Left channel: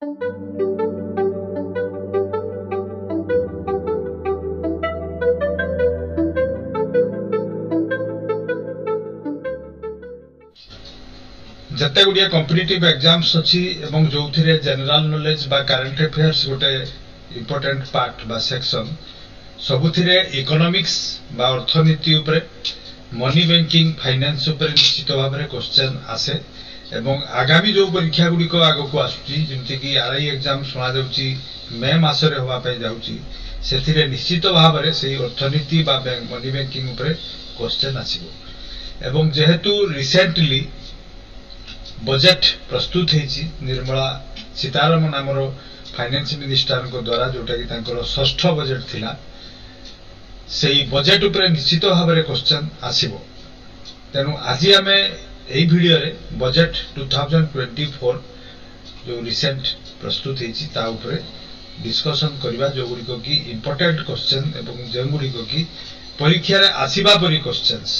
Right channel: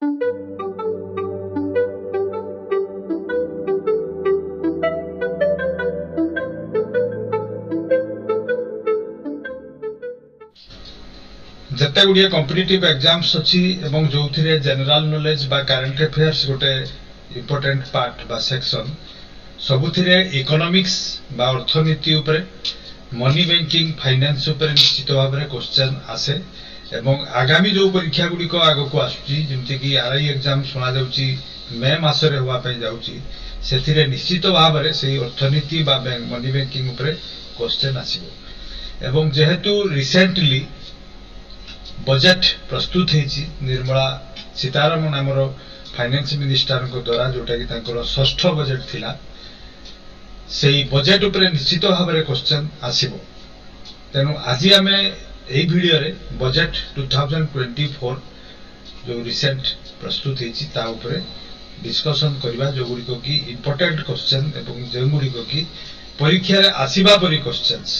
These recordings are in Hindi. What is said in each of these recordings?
जत्ते गुड़िया कॉम्पिटिटिव एग्जाम्स अच्छी एवं जो जनरल नॉलेज बा करंट अफेयर्स गोटे इम्पोर्टेंट पार्ट बा सेक्शन सबुथिरे इकोनॉमिक्स बा अर्थनीति उपरे मनी बैंकिंग फाइनेंस उपरे निश्चित भाव में क्वेश्चन आसे एवं आगामी जो परीक्षा गुड़िक आग को आसुची जमती कि आरआई एग्जाम शुणा जाउची मे मासरे होवा पे जाउची सेथिरे निश्चित भाव में से अर्थनीति बा मनी बैंकिंग उपरे क्वेश्चन आसीबो एवं जेहेतु रिसेंटली बजेट प्रस्तुत होती निर्मला सीतारमण आमर फाइनेंस मिनिस्टर द्वारा जोटा कि तांकर षष्ठ बजेट थिला से बजेट उपरे निश्चित भाव में क्वेश्चन आसीबो तेणु आज आम यही वीडियो रे बजेट 2024 जो रिसेंट प्रस्तुत होती ता उपरे डिस्कशन करबा जो गुड़िक कि इम्पोर्टेंट क्वेश्चन एवं जो गुड़िक कि परीक्षा रे आसीबा परी क्वेश्चंस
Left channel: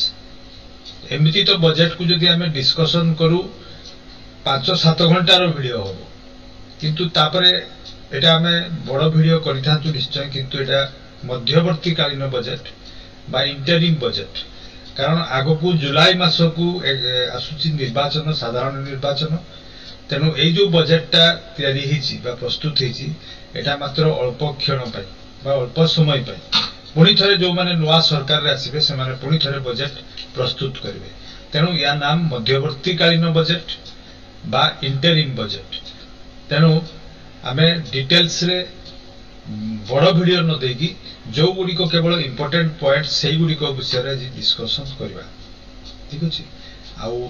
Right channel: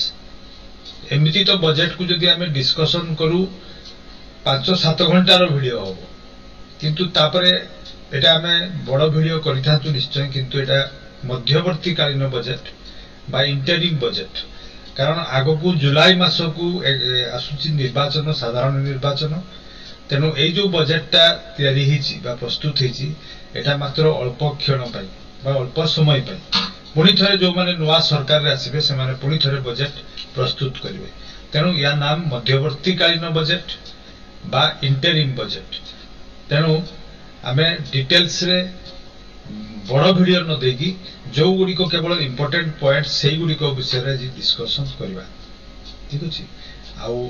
एमिति तो बजेट को जदि आम डिस्कशन करू 5-7 घंटार वीडियो हम किंतु तापरे एटा आमे बड़ वीडियो करिथांतु निश्चय किंतु एटा मध्यवर्ती कालीन बजेट बा इंटरिम बजेट कारण आगो को जुलाई मास को आसुची निर्वाचन साधारण निर्वाचन तेणु ए जो बजेटटा तैयारी हिची बा प्रस्तुत हिची एटा मात्र अल्प क्षण पाई बा अल्प समय पाई पुणी थरे जो माने नुआ सरकार रे आसीबे से माने पुणी थरे बजेट प्रस्तुत करिवे तेणु या नाम मध्यवर्ती कालीन बजेट बा इंटरिम बजेट तेणु आमे डिटेल्स रे बड़ वीडियो न देकी जो गुड़िक केवल इम्पोर्टेंट पॉइंट से गुड़िक विषय रे डिस्कशन करबा ठीक अछि आउ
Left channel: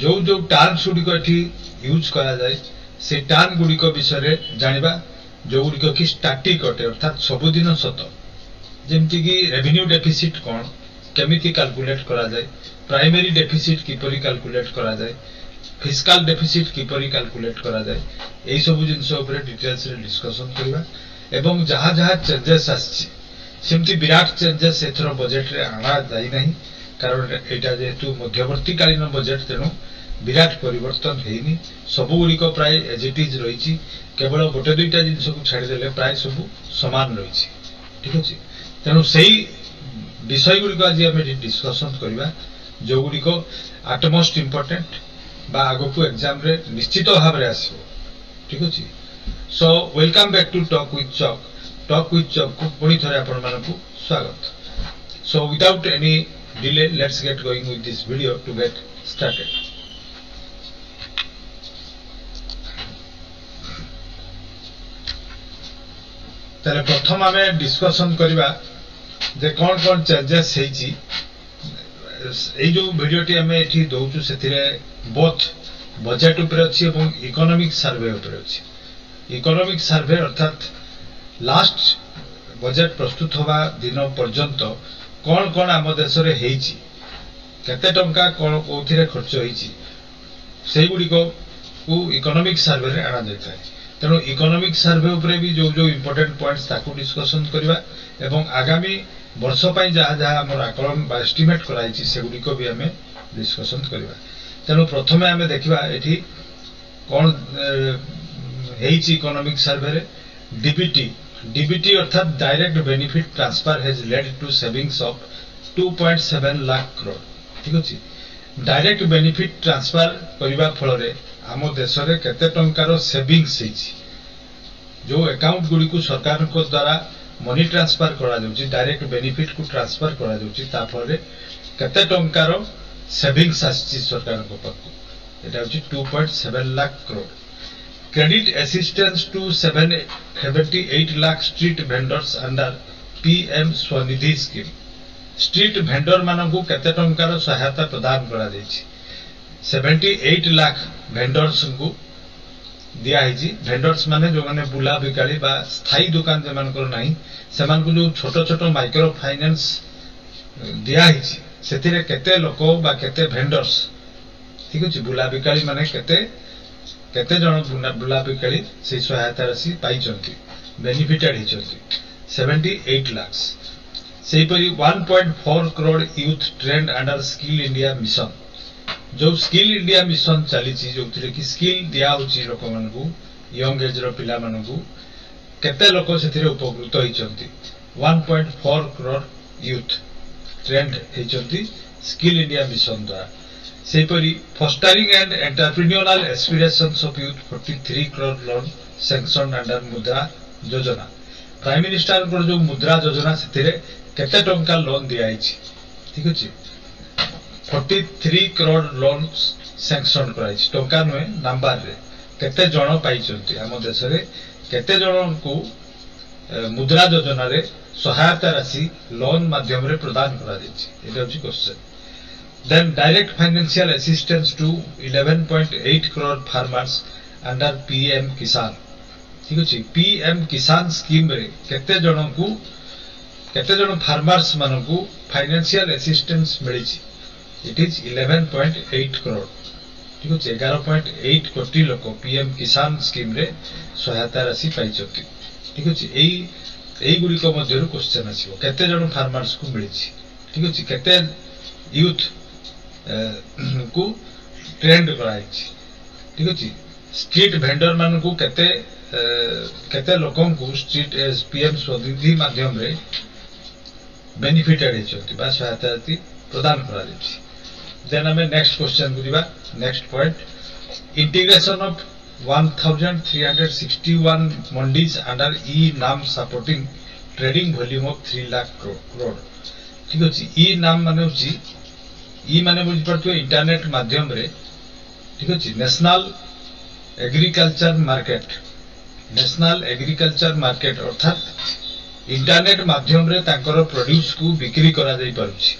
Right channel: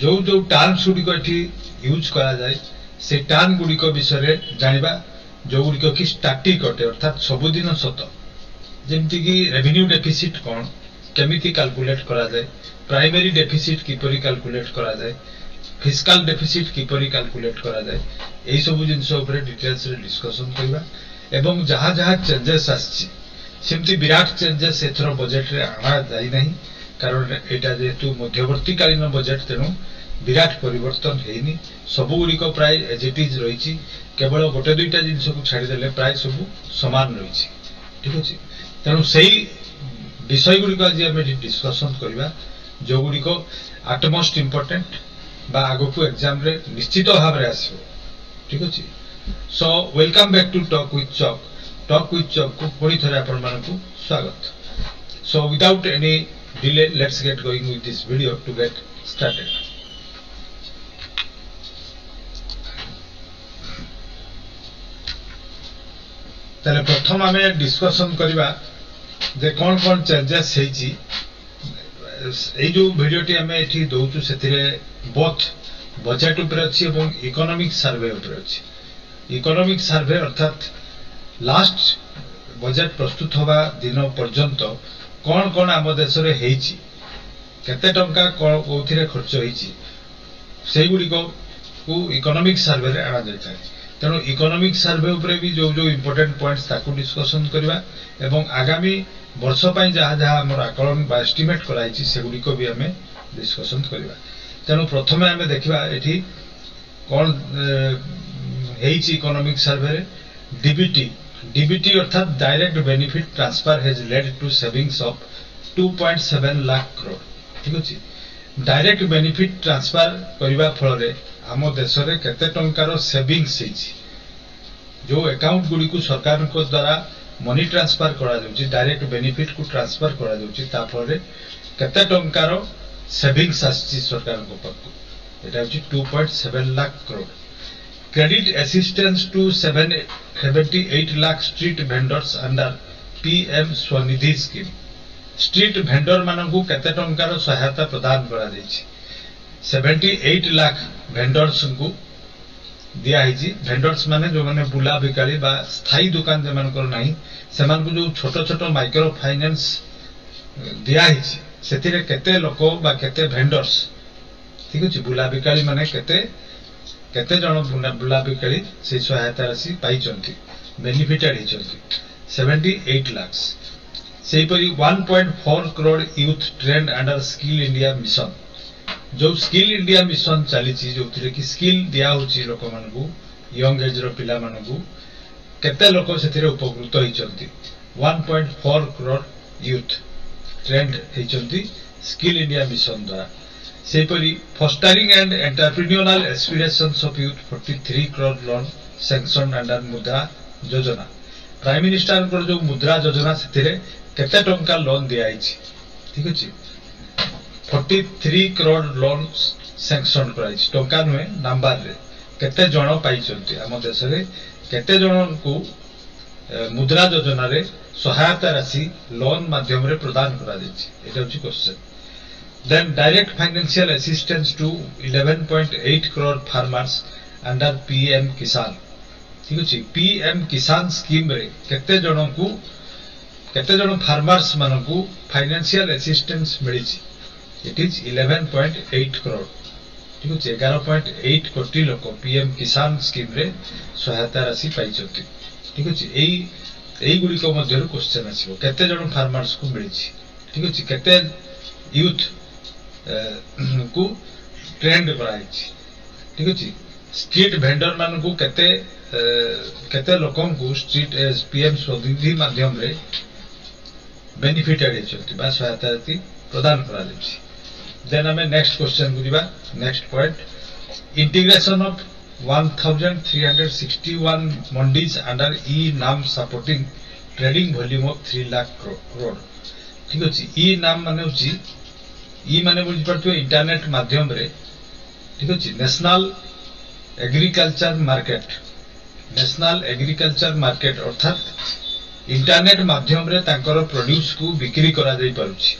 जो जो टर्म्स गुड़िक एठी यूज करा जाय से टर्म गुड़िक विषय रे जानिबा जो गुड़िक कि स्टैटिक अटे अर्थात सबुदिन सत जेमति कि रेवेन्यू डेफिसिट कोन केमिति कैलकुलेट करा जाय प्राइमरी डेफिसिट किपरि कैलकुलेट करा जाय फिस्काल डेफिसिट किपरि कैलकुलेट करा जाय एई सब जिंस ऊपर डिटेल्स रे डिस्कशन करबा एवं जहाँ जहाँ चेंजेस आछि सेमति विराट चेंजेस एथरो बजेट रे आना जाई नहीं कारण एटा जेतु मध्यवर्ती कालीन बजेट तेनु विराट परिवर्तन हेइनी सब गुड़िक प्राय एज इट इज रहिछि केवल गोटे दुईटा जिंस को छाड़ी देले प्राय सब समान रहिछि ठीक अछि तेनु सेही विषय गुड़िक आज हम डिस्कशन करबा जो गुड़िक एटमोस्ट इम्पोर्टेंट बा आगो को एग्जाम रे निश्चित भाव रे आसीबो ठीक अछि so welcome back to talk with chalk को पुणी थरे आपण मानकु स्वागत so without any delay let's get going with this video to get started तले प्रथम आमे डिस्कशन करबा जे कोन कोन चेंजेस हेछि ए जो वीडियो टी आमे एठी दोचु सेथिरे बोथ बजेट ऊपर अच्छी एवं इकोनॉमिक सर्वे ऊपर अच्छी इकोनॉमिक सर्वे अर्थात लास्ट बजेट प्रस्तुत होबा दिन पर्यंत कौन कौन आम देश रे हेछि केते टंका कोन कोथिरे खर्च हेछि सेही गुडी को इकोनॉमिक सर्वे रे आना जाय थाय तेणु इकोनॉमिक सर्वे ऊपर भी जो जो इम्पोर्टेंट पॉइंट्स ताकू डिस्कशन करबा एवं आगामी वर्ष पई जहाँ जहाँ हमर आकलन बा एस्टिमेट कराइछि सेगुडी को भी हमें डिस्कशन करबा तेणु प्रथम आम देखा ये कौन हेइछि इकोनॉमिक सर्वे रे डीबीटी अर्थात direct benefit transfer has led to savings of 2.7 lakh crore ठीक अछि डायरेक्ट बेनिफिट ट्रांसफर करबा फल रे आम देश रे केते टंकार सेविंग्स हेइछि जो अकाउंट गुडी को सरकार को द्वारा मनी ट्रांसफर करा जाउछि डायरेक्ट बेनिफिट को ट्रांसफर करा जाउछि ता फल रे केते टंकार सेविंग्स आछि सरकार को पक्को एटा होछि 2.7 lakh crore credit assistance to 78 lakh street vendors under PM Svanidhi scheme street vendor मानकु केते टंकार सहायता प्रदान करा जाइछि 78 लाख वेंडर्स को दिया हिछि वेंडर्स माने जो माने बुला बिकाली बा स्थायी दुकान जे मानकर नाही सेमान को जो छोटो छोटो माइक्रो फाइनेंस दिया हिछि सेथिरे केते लोक बा केते वेंडर्स ठीक अछि बुला बिकाली माने केते केते जण बुला बिकाली से सहायता राशि पाई चंती बेनिफिटेड हिचंती 78 लाख सेही परी 1.4 crore youth trend under skill India mission जो स्किल इंडिया मिशन चली जो कि स्किल दिया होची लोक मानकु यंग एज रो पिला मानकू केते लोक सेथिरे उपकृत होइचंती 1.4 करोड़ यूथ ट्रेंड होइचंती स्किल इंडिया मिशन द्वारा सेपरी fostering and entrepreneurial aspirations of youth 43 crore loan sanction under Mudra Yojana prime minister को जो मुद्रा योजना सेथिरे केते टंका लोन दिया आइछि ठीक अछि 43 करोड़ लोन सैंक्शन कराइछि टंका नुहे नंबर रे केते जण पाइचंती हम देश रे केते जण को मुद्रा योजना रे सहायता राशि लोन माध्यम रे प्रदान करा दिछि एटा होछि question then direct financial assistance to 11.8 crore farmers under PM Kisan ठीक अछि पीएम किसान स्कीम रे केते जण फार्मर्स मानकू फाइनेंशियल असिस्टेंस मिलिछि इट इज 11.8 करोड़ ठीक अछि 11.8 कोटी लोक पीएम किसान स्कीम रे सहायता राशि पाइछथि ठीक अछि एई गुडी को मध्य रो क्वेश्चन आसीबो केते जण फार्मर्स को मिलिछि ठीक अछि केते यूथ को ट्रेंड कराइछि ठीक अछि स्ट्रीट वेंडर मानकू केते लोकन को स्ट्रीट पीएम स्वनिधि माध्यम रे बेनिफिटेड हेचंती बा सहायता राशि प्रदान करा दिछि देन हमें नेक्स्ट क्वेश्चन को दिबा next point integration of 1361 mandis under e NAM supporting trading volume of 3 lakh crore ठीक अछि ई नाम माने होछि ई माने बुझि परथु इंटरनेट माध्यम रे ठीक अछि नेशनल एग्रीकल्चर मार्केट अर्थात इंटरनेट माध्यम रे तांकर प्रोड्यूस को बिक्री करा जाई पारुछि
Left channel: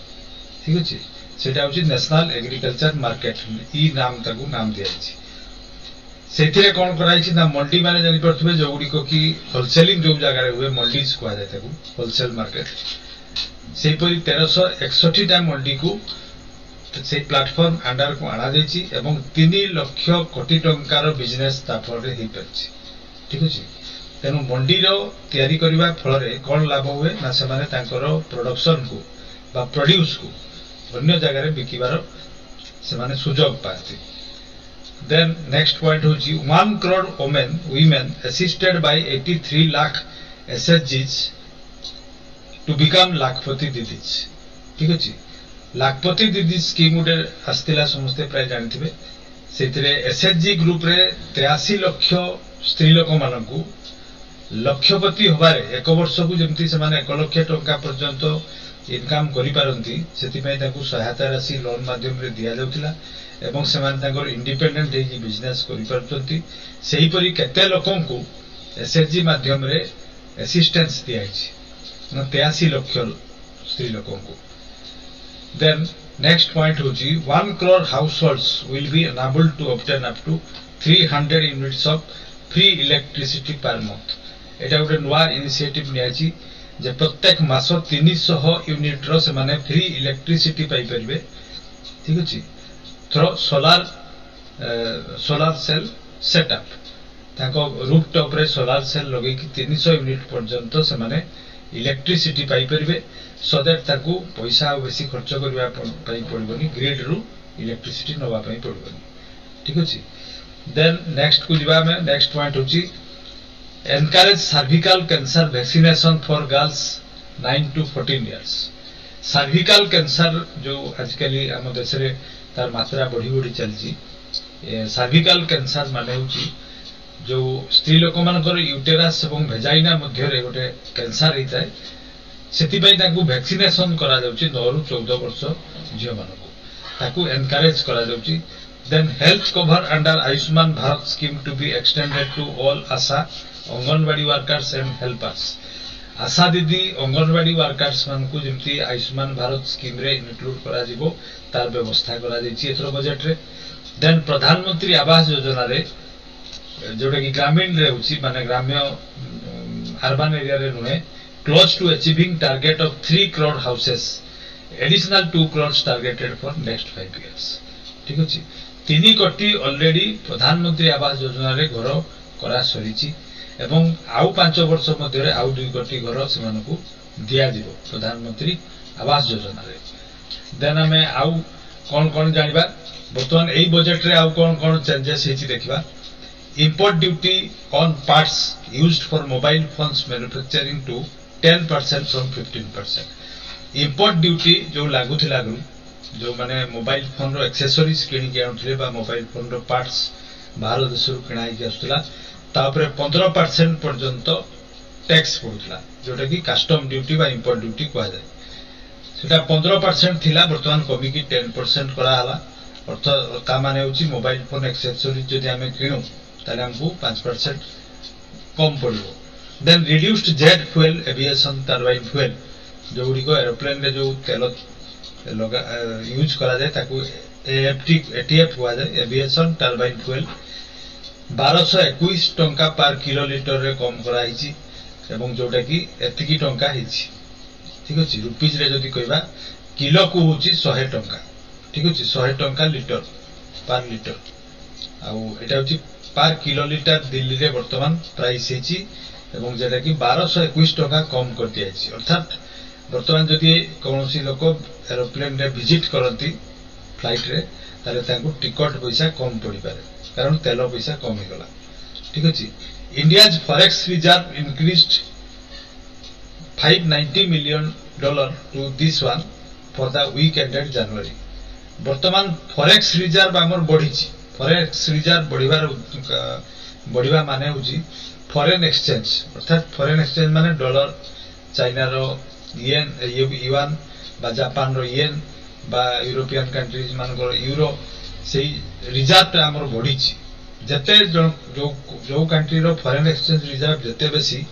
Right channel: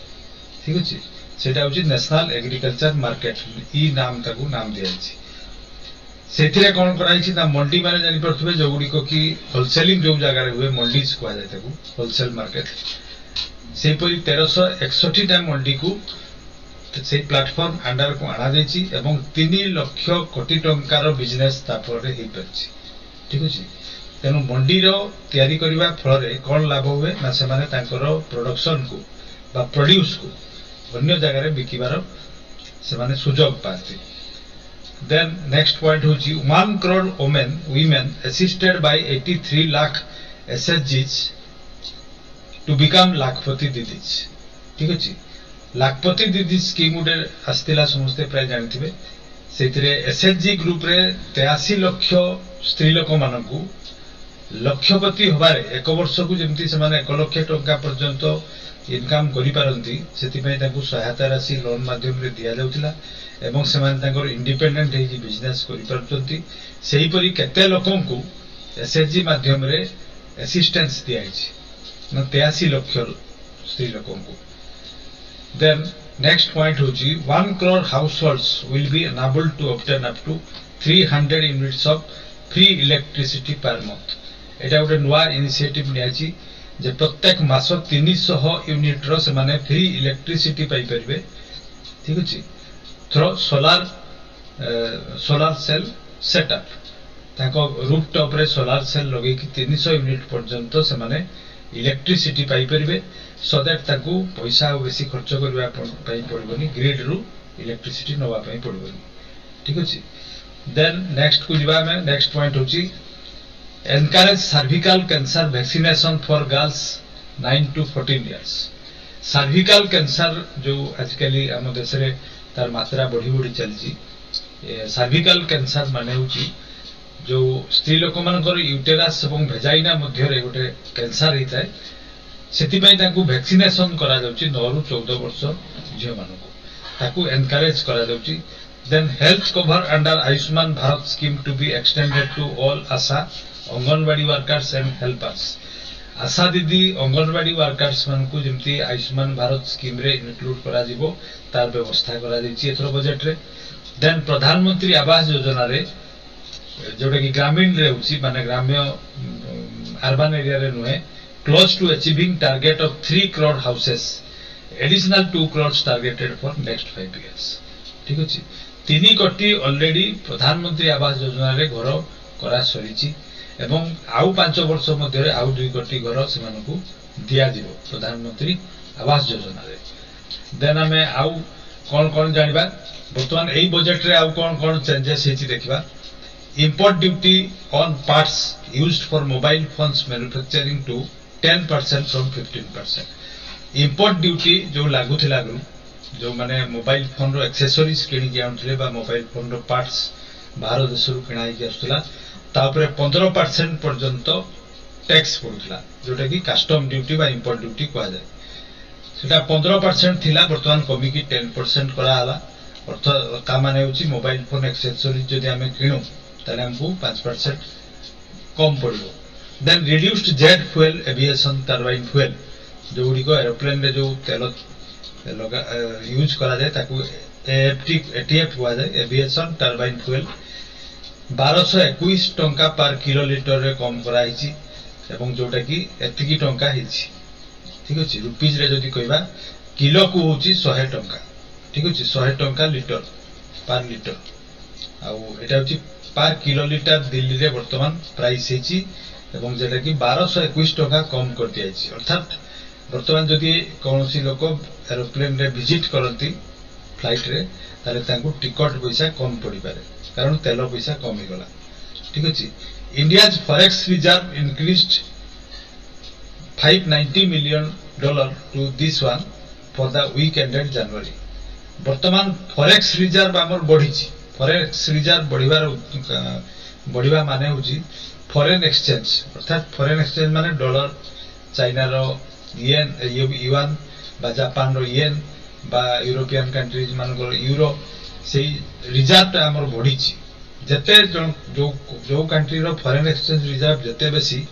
ठीक अछि सेटा होछि नेशनल एग्रीकल्चर मार्केट ई नाम ताकू नाम दिया छि सेथिरे कोन कराई छि ना मंडी माने जानि परथबे जो गुडी को की होलसेलिंग जो जगह रे हुए मंडीज को आ जाय ताकू होलसेल मार्केट सेही परि 1361 टा मंडी को से प्लेटफॉर्म अंडर को आना जाइछि एवं 3 लाख कोटी टंकार बिजनेस तापर रे हे परछि ठीक अछि तेनु मंडी रो तयारी करबा फल रे कोन लाभ हुए ना से माने तांकर प्रोडक्शन को बा प्रोड्यूस को अन्य जगह रे बिकिबार से माने सुजोग पाती देन नेक्स्ट पॉइंट होछि 1 crore women assisted by 83 lakh SHGs to become लाखपति didis ठीक अछि लाखपति दीदी स्कीम गुटे आस्तिला समस्ते प्राय जानथिबे सेतिरे एसएचजी ग्रुप रे 83 लाख स्त्री लोक मानकू लक्षपति होबारे एक वर्ष को जेमति से माने 1 लाख टंका पर्यंत इनकम करि पारंती सेति पय तांकू सहायता राशि लोन माध्यम रे दिया जाउतिला एवं से माने तांकर इंडिपेंडेंट हे बिजनेस करि पारचंती सेही परि केते लोकन को एसएचजी माध्यम रे असिस्टेंस दिया छि न 83 लाख स्त्री लोकन को then next point होची 1 crore households will be enabled to obtain up to 300 units of free electricity per month एटा गोटे नवा इनिशिएटिव नियाची जे प्रत्येक मास 300 यूनिट रो से माने फ्री इलेक्ट्रिसिटी पाई परिबे ठीक अछि थ्रो सोलार सेल सेटअप ताको रूफटॉप रे सोलार सेल लगे कि 300 यूनिट पर्यंत से माने इलेक्ट्रिसिटी पाई परिबे सो दैट ताकू पैसा बेसी खर्च करबा पई पड़बनी ग्रिड रु इलेक्ट्रिसिटी नवा पई पड़बनी ठीक अछि देन नेक्स्ट को जिबा में नेक्स्ट पॉइंट होची encourage cervical cancer vaccination for girls 9 to 14 years cervical cancer जो आजकल हम देश रे तार मात्रा बढ़ी चलची सर्विकल कैंसर माने होची जो स्त्री लोक मानकर यूटेरस एवं भेजाइना मध्य रे गोटे कैंसर हेता है सेति पई ताकू वैक्सीनेशन करा जाउची 9 ରୁ 14 वर्ष झियो मानको ताकू एनकरेज करा जाउची then health cover under Ayushman Bharat scheme to be extended to all ASHA Anganwadi workers and helpers ASHA दीदी अंगनवाड़ी वर्कर्स मानकू जेमती आयुष्मान भारत स्कीम रे इंक्लूड करा जिवो तार व्यवस्था करा जाइची एथरो बजट रे देन प्रधानमंत्री आवास योजना रे जोटा कि ग्रामीण रे होची माने ग्राम्य अर्बन एरिया रे नुहे close to achieving target of 3 crore houses additional 2 crores targeted for next 5 years ठीक अछि 3 कोटी ऑलरेडी प्रधानमंत्री आवास योजना रे घर करा सरीची एवं आउ 5 वर्ष मध्ये रे आउ 2 कोटी घर से मानकू दिया दिबो प्रधानमंत्री आवास योजना रे देन हमें आउ कोन कोन जानिबा वर्तमान एई बजट रे आउ कोन कोन चेंजेस हेची देखिबा import duty on parts used for mobile phones manufacturing to 10% from 15%. Import duty जो लागू थिला आगु जो माने मोबाइल फोन रो एक्सेसरीज किनी के आउथले बा मोबाइल फोन रो पार्ट्स बाहर देशरू किणाई के आसुला तापरे 15% पर्यंत टैक्स पड़ुला जोटा कि कस्टम ड्यूटी बा इंपोर्ट ड्यूटी कहा जाए सेटा 15% थिला वर्तमान कमी की 10% करा हला अर्थ ता माने होची मोबाइल फोन एक्सेसरीज जदि हमें किणु ताले हमको 5% कम पड़िबो then reduced jet fuel aviation turbine fuel जो गुड़िक एरोप्लेन रे जो तेल लगा यूज करा जाए ताकू एटीएफ हुआ जाए एविएशन टरबाइन फ्यूल 1221 टंका पर किलोलीटर रे कम करा हिची एवं जोटा कि एतिकी टंका हिची ठीक अछि रुपीज रे जदी कहबा किलो को होची 100 टंका ठीक अछि 100 टंका लीटर पर लीटर आउ एटा होची पर किलोलीटर दिल्ली रे वर्तमान प्राइस हिची एवं जेटा कि 1221 टंका कम कर दिया हिची अर्थात वर्तमान जदि कौनसी लोक एरोप्लेन रे विजिट करती फ्लाइट रे ताले तांको टिकट पैसा कम पड़ी पारे कारण तेल पैसा कम ही गला ठीक अछि India's forex reserve increased $590 million to this one for the week ended January वर्तमान फॉरेक्स रिजर्व हमर बढ़ी छि फॉरेक्स रिजर्व बढ़िबा माने होछि फॉरेन एक्सचेंज अर्थात फॉरेन एक्सचेंज माने डॉलर चाइना रो येन युआन बा जापान रो येन बा यूरोपियन कंट्रीज मानकर यूरो सेही रिजर्व हमर बढ़ी छि जते जो कंट्री रो फॉरेन एक्सचेंज रिजर्व जते बेसी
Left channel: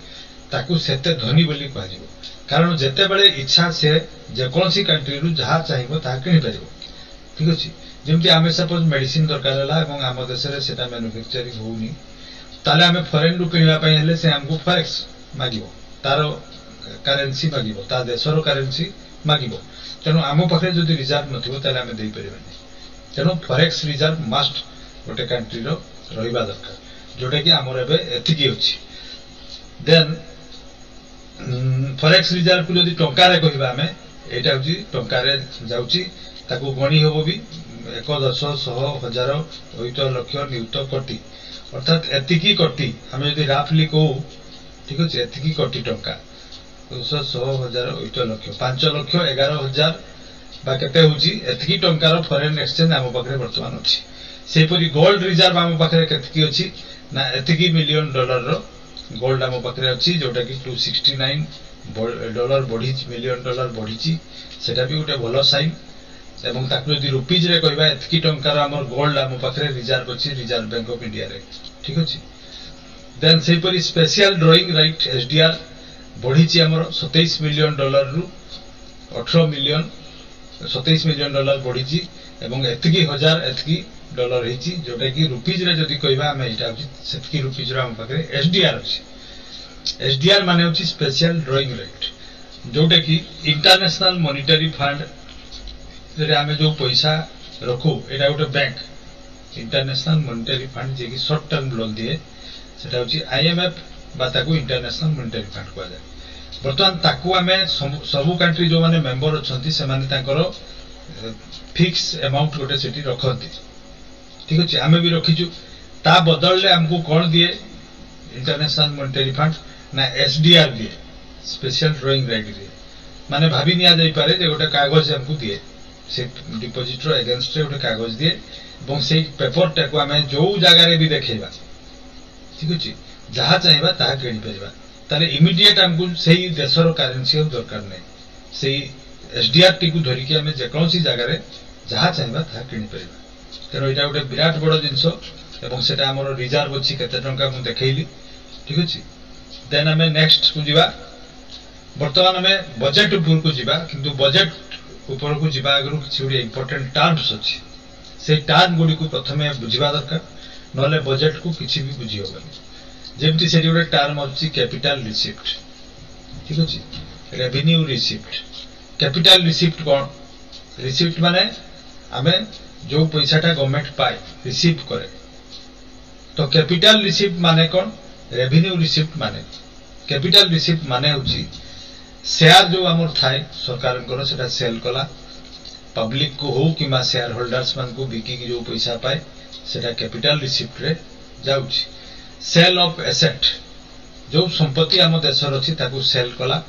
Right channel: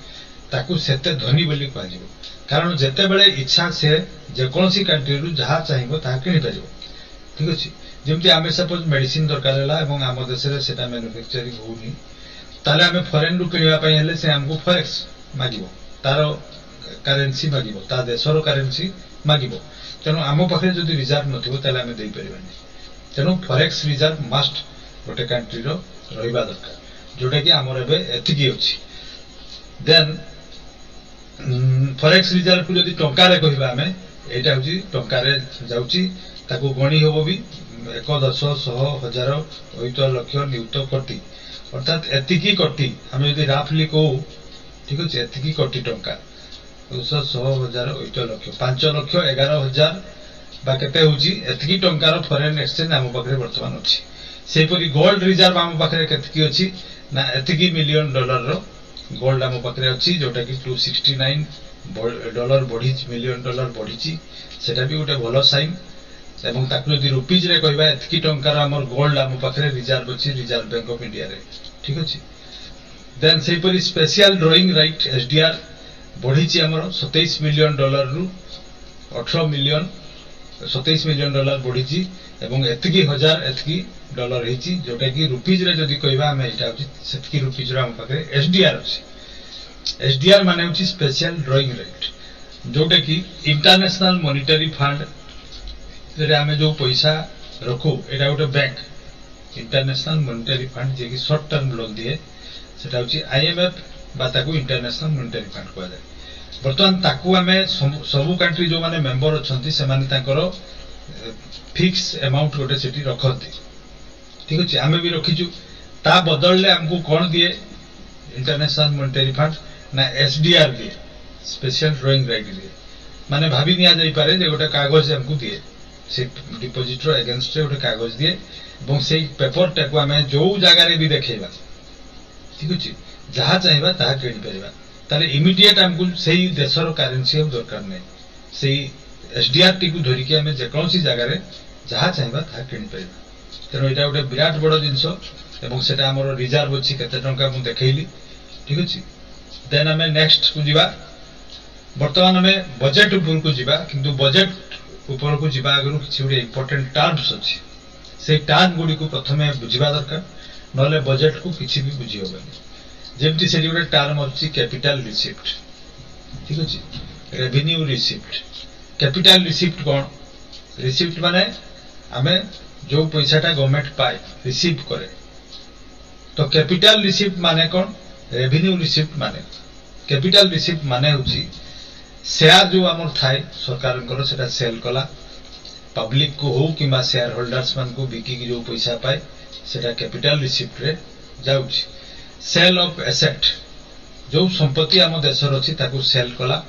ताकू सेते धनी बोली कह जिवो कारण जते बेले इच्छा से जे कोनसी कंट्री रु जहा चाहिबो ता किनि परिबो ठीक अछि जेमति आमे सपोज मेडिसिन दरकार हला एवं आम देश रे सेटा मैन्युफैक्चरिंग होउनी ताले आमे फॉरेन रु किनिबा पई हेले से हमको फॉरेक्स मागिबो तारो करेंसी मागिबो ता देशरो करेंसी मागिबो तेनु आम पाखरे जदि रिजर्व नथिबो ताले आमे देई परिबानी तेनु फॉरेक्स रिजर्व मस्ट गोटे कंट्री रो रहिबा दरकार जोटा कि हमर एबे एतिकी अछि देन फॉरेक्स रिजर्व को जदि टंका रे कहिबा हमें एटा होची टंका रे जाउची ताकू गणी होबो भी 1 10 100 1000 ओइतो लक्ष नियुत कोटी अर्थात एतिकी कोटी हमें जदि राफली को ठीक अछि एतिकी कोटी टंका 100 1000 ओइतो लक्ष 5 लक्ष 11000 बा केते होची एतिकी टंका रो फॉरेन एक्सचेंज हम पाखरे वर्तमान अछि सेही परि गोल्ड रिजर्व हम पाखरे केतिकी अछि ना एतिकी मिलियन डॉलर रो गोल्ड हम पाखरे अछि जोटा कि $269 बढ़ी मिलियन डॉलर बढ़ी सेटा भी गोटे भलो साइन एवं ताकू यदि रुपीज रे कहबा एतकी टंकार हमर गोल्ड हम पाखरे रिजर्व अछि रिजर्व बैंक ऑफ इंडिया रे ठीक अछि देन सेही परि स्पेशल ड्राइंग राइट एसडीआर बढ़ी हमर $27 मिलियन रु 18 मिलियन $27 मिलियन बढ़ी एवं एतकी हजार एतकी डॉलर हेची जोटा कि रुपीज रे जदी कहबा हम एटा अछि सेतकी रुपीज रो हम पाखरे एसडीआर अछि एसडीआर माने होची स्पेशल ड्राइंग राइट जोटा कि इंटरनेशनल मॉनेटरी फंड रे हमें जो पैसा रखू एटा गोटे बैंक इंटरनेशनल मॉनेटरी फंड जे कि शॉर्ट टर्म लोन दिए सेटा होची आईएमएफ बा ताकू इंटरनेशनल मॉनेटरी फंड कहै जाय वर्तमान ताकू हमें सबु कंट्री जो माने मेंबर अछंती से माने तांकरो फिक्स अमाउंट गोटे सेठी रखंती ठीक अछि हमें भी रखिजु ता बदलले हमको कोन दिए इंटरनेशनल मॉनेटरी फंड ना एसडीआर दिए स्पेशल ड्राइंग राइट दिए माने भाभी निया जाई पारे जे गोटे कागज हमको दिए से डिपॉजिट रो अगेंस्ट रे गोटे कागज दिए एवं से पेपर टाकू हमें जो जगह रे भी देखेबा ठीक अछि जहा चाहिबा ता किनि परिबा ताले इमीडिएट हमको सेही देशर करेंसी हम दरकार नै सेही एसडीआर टी को धरि के हमें जे कोनसी जगह रे जहा चाहिबा ता किनि परिबा तेनो एटा गोटे विराट बड़ जिंसो एवं सेटा हमर रिजर्व अछि केते टंका मु देखैली ठीक अछि देन हमें नेक्स्ट को जिबा वर्तमान हमें बजट ऊपर को जिबा किंतु बजट ऊपर को जिबा आगरु किछि गोटे इंपोर्टेंट टर्म्स अछि से टर्म गुडी को प्रथमे बुझिबा दरकार नले बजट को किछि भी बुझि होबनी जेमति सेठी गोटे टर्म अछि कैपिटल रिसिप्ट ठीक अछि रेवेन्यू रिसिप्ट कैपिटल रिसिप्ट कोन रिसिप्ट माने हमें जो पैसाटा गवर्नमेंट पाए रिसीव करे तो कैपिटल रिसिप्ट माने कोन रेवेन्यू रिसिप्ट माने कैपिटल रिसिप्ट माने होची शेयर जो हमर थाए सरकार को सेटा सेल कला पब्लिक को हो किमा शेयर होल्डर्स मान को बिकी की जो पैसा पाए सेटा कैपिटल रिसिप्ट रे जाउची सेल ऑफ एसेट जो संपत्ति आम देशर अच्छी ताकू सेल कला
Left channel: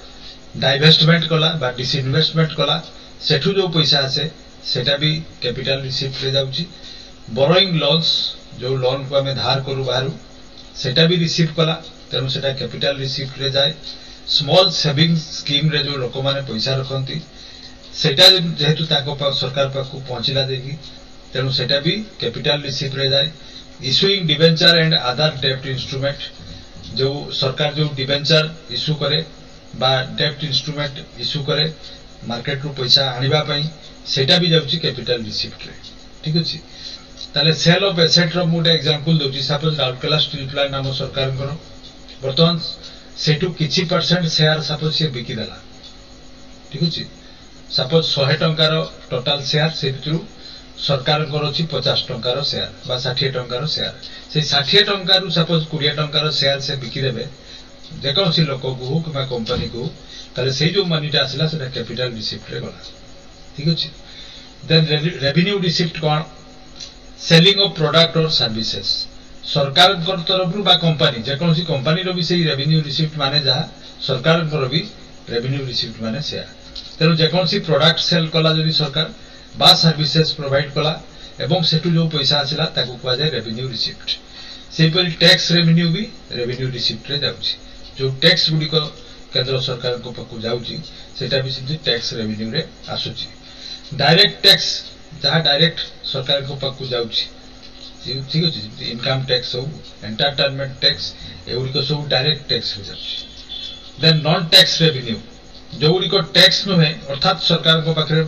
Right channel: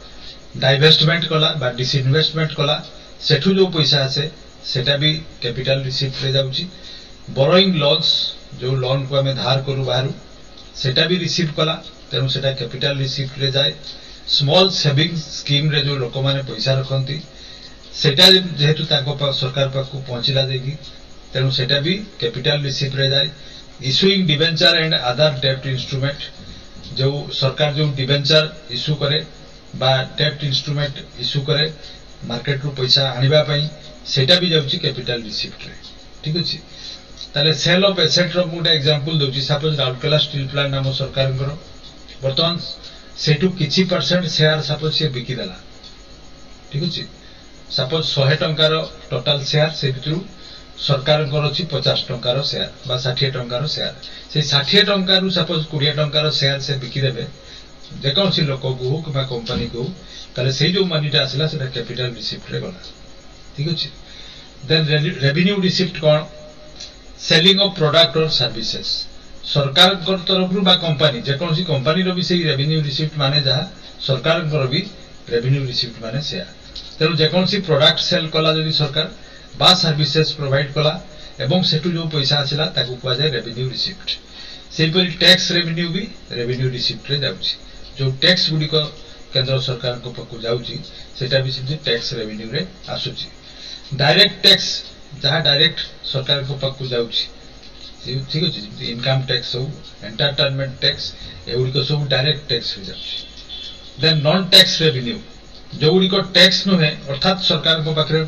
डाइवेस्टमेंट कला बा डिसइनवेस्टमेंट कला सेठू जो पैसा आसे सेटा भी कैपिटल रिसिप्ट रे जाउची बोरोइंग लोन्स जो लोन को आम धार करू बाहर सेटा भी रिसीव कला तेणु सेटा कैपिटल रिसिप्ट रे जाए स्मॉल सेविंग स्कीम रे जो लोक माने पैसा रखती सेटा जेहेतु सरकार पाक पहुंचला देगी तेणु सेटा भी कैपिटल रिसिप्ट रे जाए इश्यूइंग डिबेंचर एंड अदर डेब्ट इंस्ट्रूमेंट जो सरकार जो डिबेंचर इश्यू करे बा डेब्ट इंस्ट्रूमेंट इश्यू करे मार्केट रू पैसा आनिबा पई सेटा भी जाउची कैपिटल रिसिप्ट रे ठीक अछि ताले सेल ऑफ एसेट रो मोटा एग्जांपल दोची सपोज राउरकेला स्टील प्लांट नाम सरकार बर्तमान सेटू किछि परसेंट शेयर सपोज से बिकी देला ठीक अछि सपोज 100 टंकार टोटल शेयर से भितरु सरकार अच्छी 50 टंकार शेयर बा 60 टंकार शेयर से 60 टंकार सपोज 20 टंकार शेयर से बिकीदेवे जेकोसी लोक को कि कंपनी को ताले से जो मनीटा आसला से कैपिटल रिसिप्ट रे गला ठीक अछि देन रेवेन्यू रिसिप्ट कौन सेलिंग ऑफ प्रोडक्ट और सर्विसेज सरकार तरफ बा कंपनी जेकोसी कंपनी रो भी से रेवेन्यू रिसिप्ट माने जहा सरकार भी रेवेन्यू रिसिप्ट माने शेयर तेणु जेकोसी प्रोडक्ट सेल कला जदि सरकार बा सर्विसेज प्रोवाइड कला एवं सेटू जो पैसा आसला ताकू कुआ जाय रेवेन्यू रिसिप्ट सेपरी टैक्स रेवेन्यू भी रेवेन्यू रिसिप्ट रे जाउची जो टैक्स गुडी को केंद्र सरकार को पकु जाउची सेटा भी सिद्धि टैक्स रेवेन्यू रे आसुची डायरेक्ट टैक्स जहाँ डायरेक्ट सरकार को पकु जाउची ठीक अछि इनकम टैक्स हो एंटरटेनमेंट टैक्स एउडी को सब डायरेक्ट टैक्स हो जाउची देन नॉन टैक्स रेवेन्यू जो गुडी को टैक्स नुहे अर्थात सरकार को पाखरे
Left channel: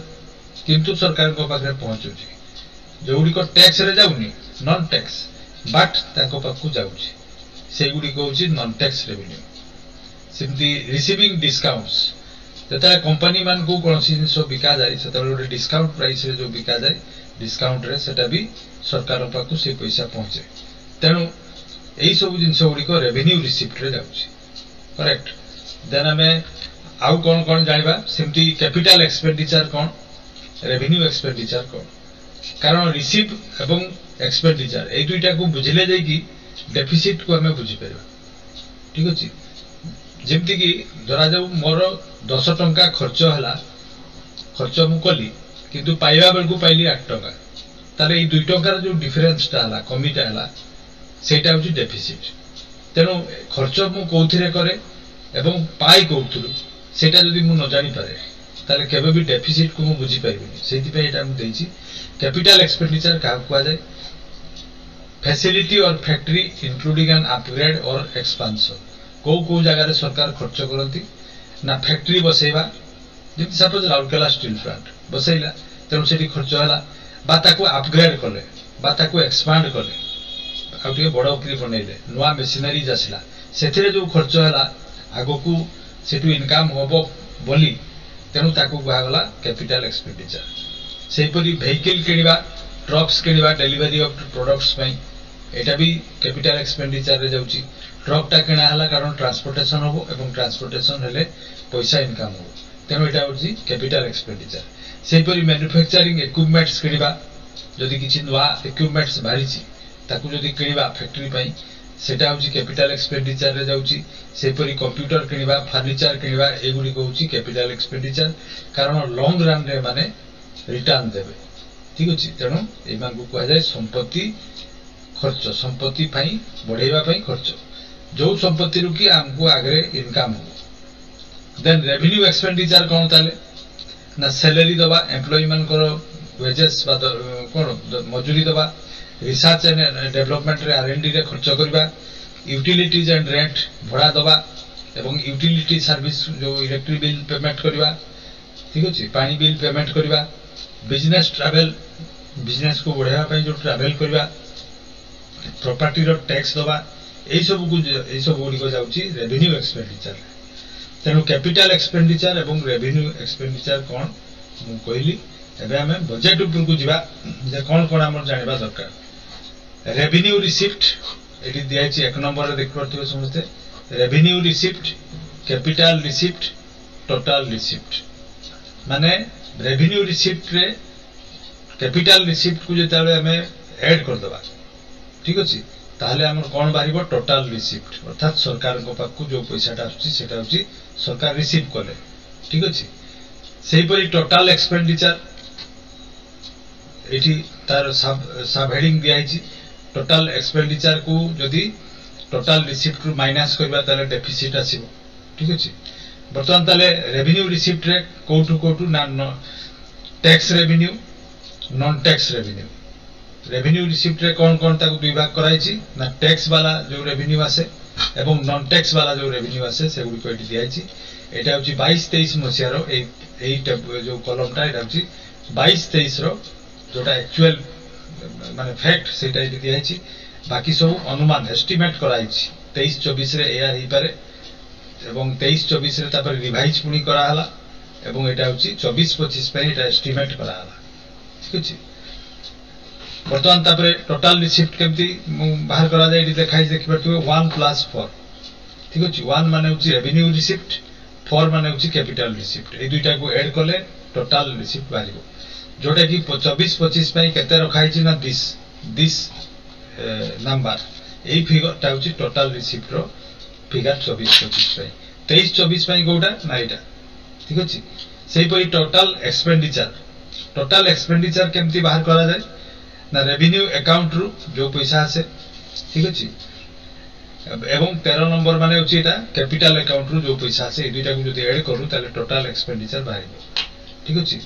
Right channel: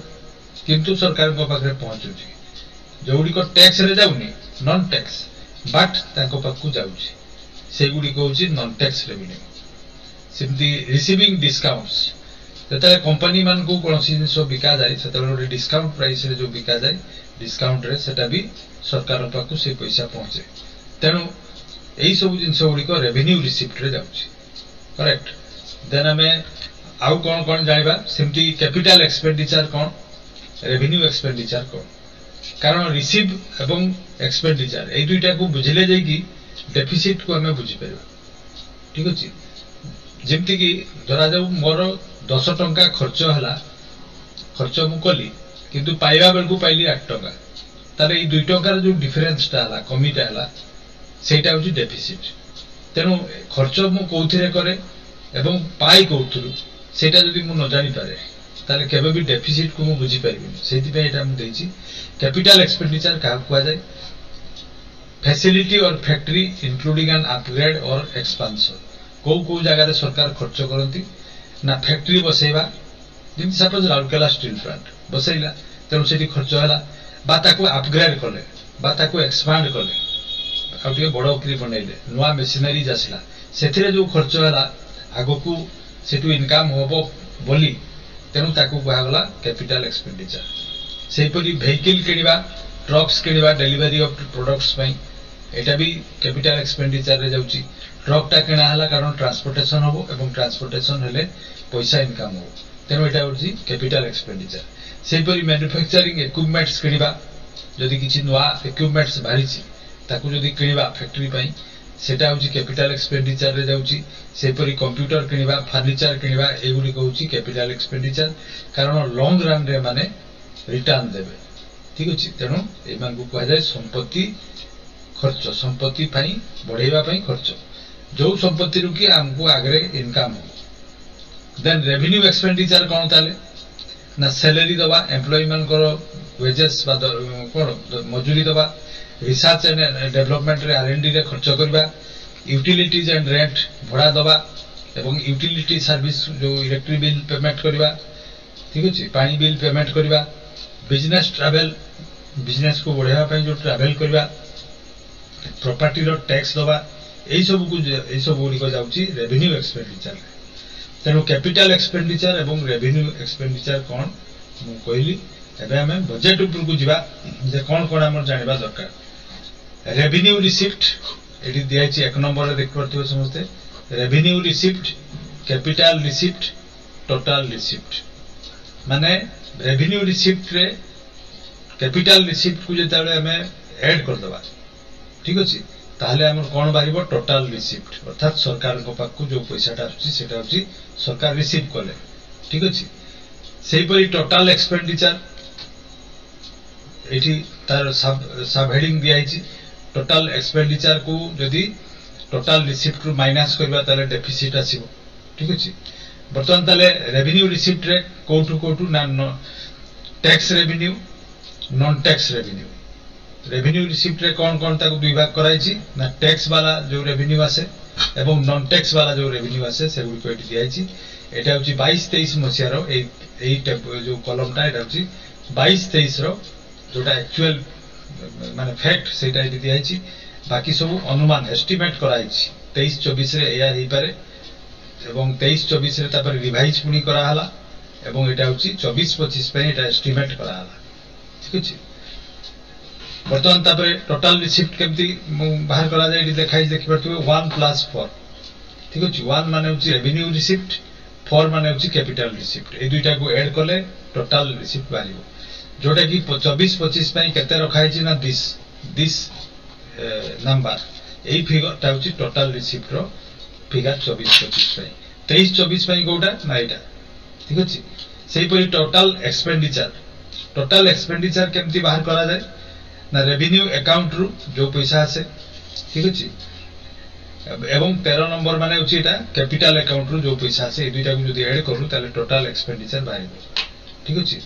किंतु सरकार को पाखरे पहुंचुची जो गुडी को टैक्स रे जाउनी नॉन टैक्स बट ताको पाखु जाउची से गुडी को होची non tax revenue simply receiving discounts जता कंपनी मान को कोनसी जिंस बिका जाय सेता गोटे डिस्काउंट प्राइस रे जो बिका जाय डिस्काउंट रे सेटा भी सरकार पाखु से पैसा पहुंचे तेणु एई सब जिंस गुडी को रेवेन्यू रिसिप्ट रे जाउची करेक्ट देन हमें आउ कौन कौन जानिबा सिम्पली कैपिटल एक्सपेंडिचर कौन रेवेन्यू एक्सपेंडिचर कौन कारण रिसीव एवं एक्सपेंडिचर ए दुईटा को बुझिले जाय कि डेफिसिट को हमें बुझी परबा ठीक अछि जेमति कि धरा जाऊ मोर 10 टंका खर्च हला खर्च मु कली किंतु पाइबा बेल को पाइली 8 टंका ताले ए 2 टंकार जो डिफरेंस ता हला कमीटा हला सेटा होची डेफिसिट तेनु खर्च मु कोउथिरे करे एवं पाई कोउथुरु सेटा जदि मु न जानि पारे ताले केबे भी डेफिसिट को मु बुझी पारिबिनी सेति पे एटा मु देछि कैपिटल एक्सपेंडिचर का कुआ जाय फैसिलिटी और फैक्ट्री इंक्लूडिंग एन अपग्रेड और एक्सपेंशन को जगह रे सरकार खर्च करती ना फैक्ट्री बसैबा जेमति सपोज राउरकेला स्टील प्लांट बसैला तेणु सेठी खर्च हला बा ताको अपग्रेड कले बा ताको एक्सपांड कले आ टिके बड़ उकरी बनैले नुआ मशीनरीज आसला सेथिरे जो खर्च हला आगो को सेटू इनकम होबो बोली तेणु ताको कुहा गला कैपिटल एक्सपेंडिचर सेपरी वेहिकल किनिबा ट्रक्स किनिबा डेलीवरी ऑफ प्रोडक्ट्स पई एटा भी कैपिटल एक्सपेंडिचर रे जाउची ट्रकटा किना हला कारण ट्रांसपोर्टेशन होबो एवं ट्रांसपोर्टेशन हेले पैसा इनकम हो तेणु एटा होची कैपिटल एक्सपेंडिचर सेपरी मैन्युफैक्चरिंग इक्विपमेंट्स किनिबा जदि किछि नुआ इक्विपमेंट्स बारिछि ताकू जदि किनिबा फैक्ट्री पई सेटा होची कैपिटल एक्सपेंडिचर रे जाउची सेपरी कंप्यूटर किनिबा फर्नीचर किनिबा एगुडी को होची कैपिटल एक्सपेंडिचर कारण लॉन्ग रन रे माने रिटर्न देबे ठीक अछि तेणु ए मान को कहै जाय संपत्ति खर्च संपत्ति पई बढ़ेबा पई खर्च जो संपत्ति रु कि हमको आगरे इनकम हो देन रेवेन्यू एक्सपेंडिचर कौन ताले ना सैलरी दबा एम्प्लॉय मान करो वेजेस बा कौन मजूरी दबा रिसर्च एंड डेवलपमेंट रे आरएनडी रे खर्च करबा यूटिलिटीज एंड रेंट भड़ा दबा एवं यूटिलिटी सर्विस जो इलेक्ट्रिक बिल पेमेंट करबा ठीक अछि पानी बिल पेमेंट करबा बिजनेस ट्रैवल बिजनेस को बढ़ावा पई जो ट्रैवल करबा प्रॉपर्टी रो टैक्स दबा एई सब गुडी को जाउची रेवेन्यू एक्सपेंडिचर तेणु कैपिटल एक्सपेंडिचर एवं रेवेन्यू एक्सपेंडिचर कौन मु कहली एबे हमें बजेट ऊपर को जिबा जे कौन कौन हमर जानिबा दरकार रेवेन्यू रिसिप्ट एडी दियाची 1 नंबर रे देख परथिबे समझते revenue receipt capital receipt total receipt माने रेवेन्यू रिसिप्ट रे कैपिटल रिसिप्ट को जेताले हमें ऐड कर दबा ठीक अछि ताहले हमर कोन बारिबो टोटल रिसीप्ट अर्थात सरकार को पाखु जो पैसाटा आछि सेटा होछि सरकार रिसीव कले ठीक अछि सेही परि टोटल एक्सपेंडिचर एठी तार सब हेडिंग दिया हिची टोटल एक्सपेंडिचर को जदी टोटल रिसीप्ट रु माइनस करबा ताले डेफिसिट आसीबो ठीक अछि बर्तमान ताले रेवेन्यू रिसीप्ट रे कोठु ना tax revenue non tax revenue revenue receipt रे कोन ताको विभाग कराइछि ना टैक्स वाला जो रेवेन्यू आसे एवं नॉन टैक्स वाला जो रेवेन्यू आसे सेगुडी को एठी दियाइछि एटा होछि 22-23 मसिया रो एई जो कॉलमटा एटा होछि 22-23 रो जोटा एक्चुअल माने फैक्ट सेटा एठी दियाइछि बाकी सब अनुमान एस्टिमेट कराइछि 23-24 रे एया हेई पारे एवं 23-24 रे तापर रिवाइज पुनी करा हला एवं एटा होछि 24-25 पे एटा एस्टिमेट करा हला ठीक अछि बर्तमान तापरे टोटल रिसीप्ट केमती बाहर करा जाय देखाई देखि परथि 1+4 ठीक अछि 1 माने होछि रेवेन्यू रिसीप्ट 4 माने होछि कैपिटल रिसीप्ट ए दुईटा को ऐड करले टोटल रिसीप्ट बारिबो जोटा कि 24-25 पे केते रखाई छि ना दिस नंबर एई फिगर ता होछि टोटल रिसीप्ट रो फिगर 24-25 पे 23-24 पे कोटा ना एटा ठीक अछि सेही परि टोटल एक्सपेंडिचर केमती बाहर करा जाय ना रेवेन्यू अकाउंट रु जो पैसा आसे ठीक अछि एवं 13 नंबर माने होछि एटा कैपिटल अकाउंट रु जो पैसा आसे ए दुईटा को जदी ऐड करू ताले टोटल एक्सपेंडिचर बारिबो ठीक अछि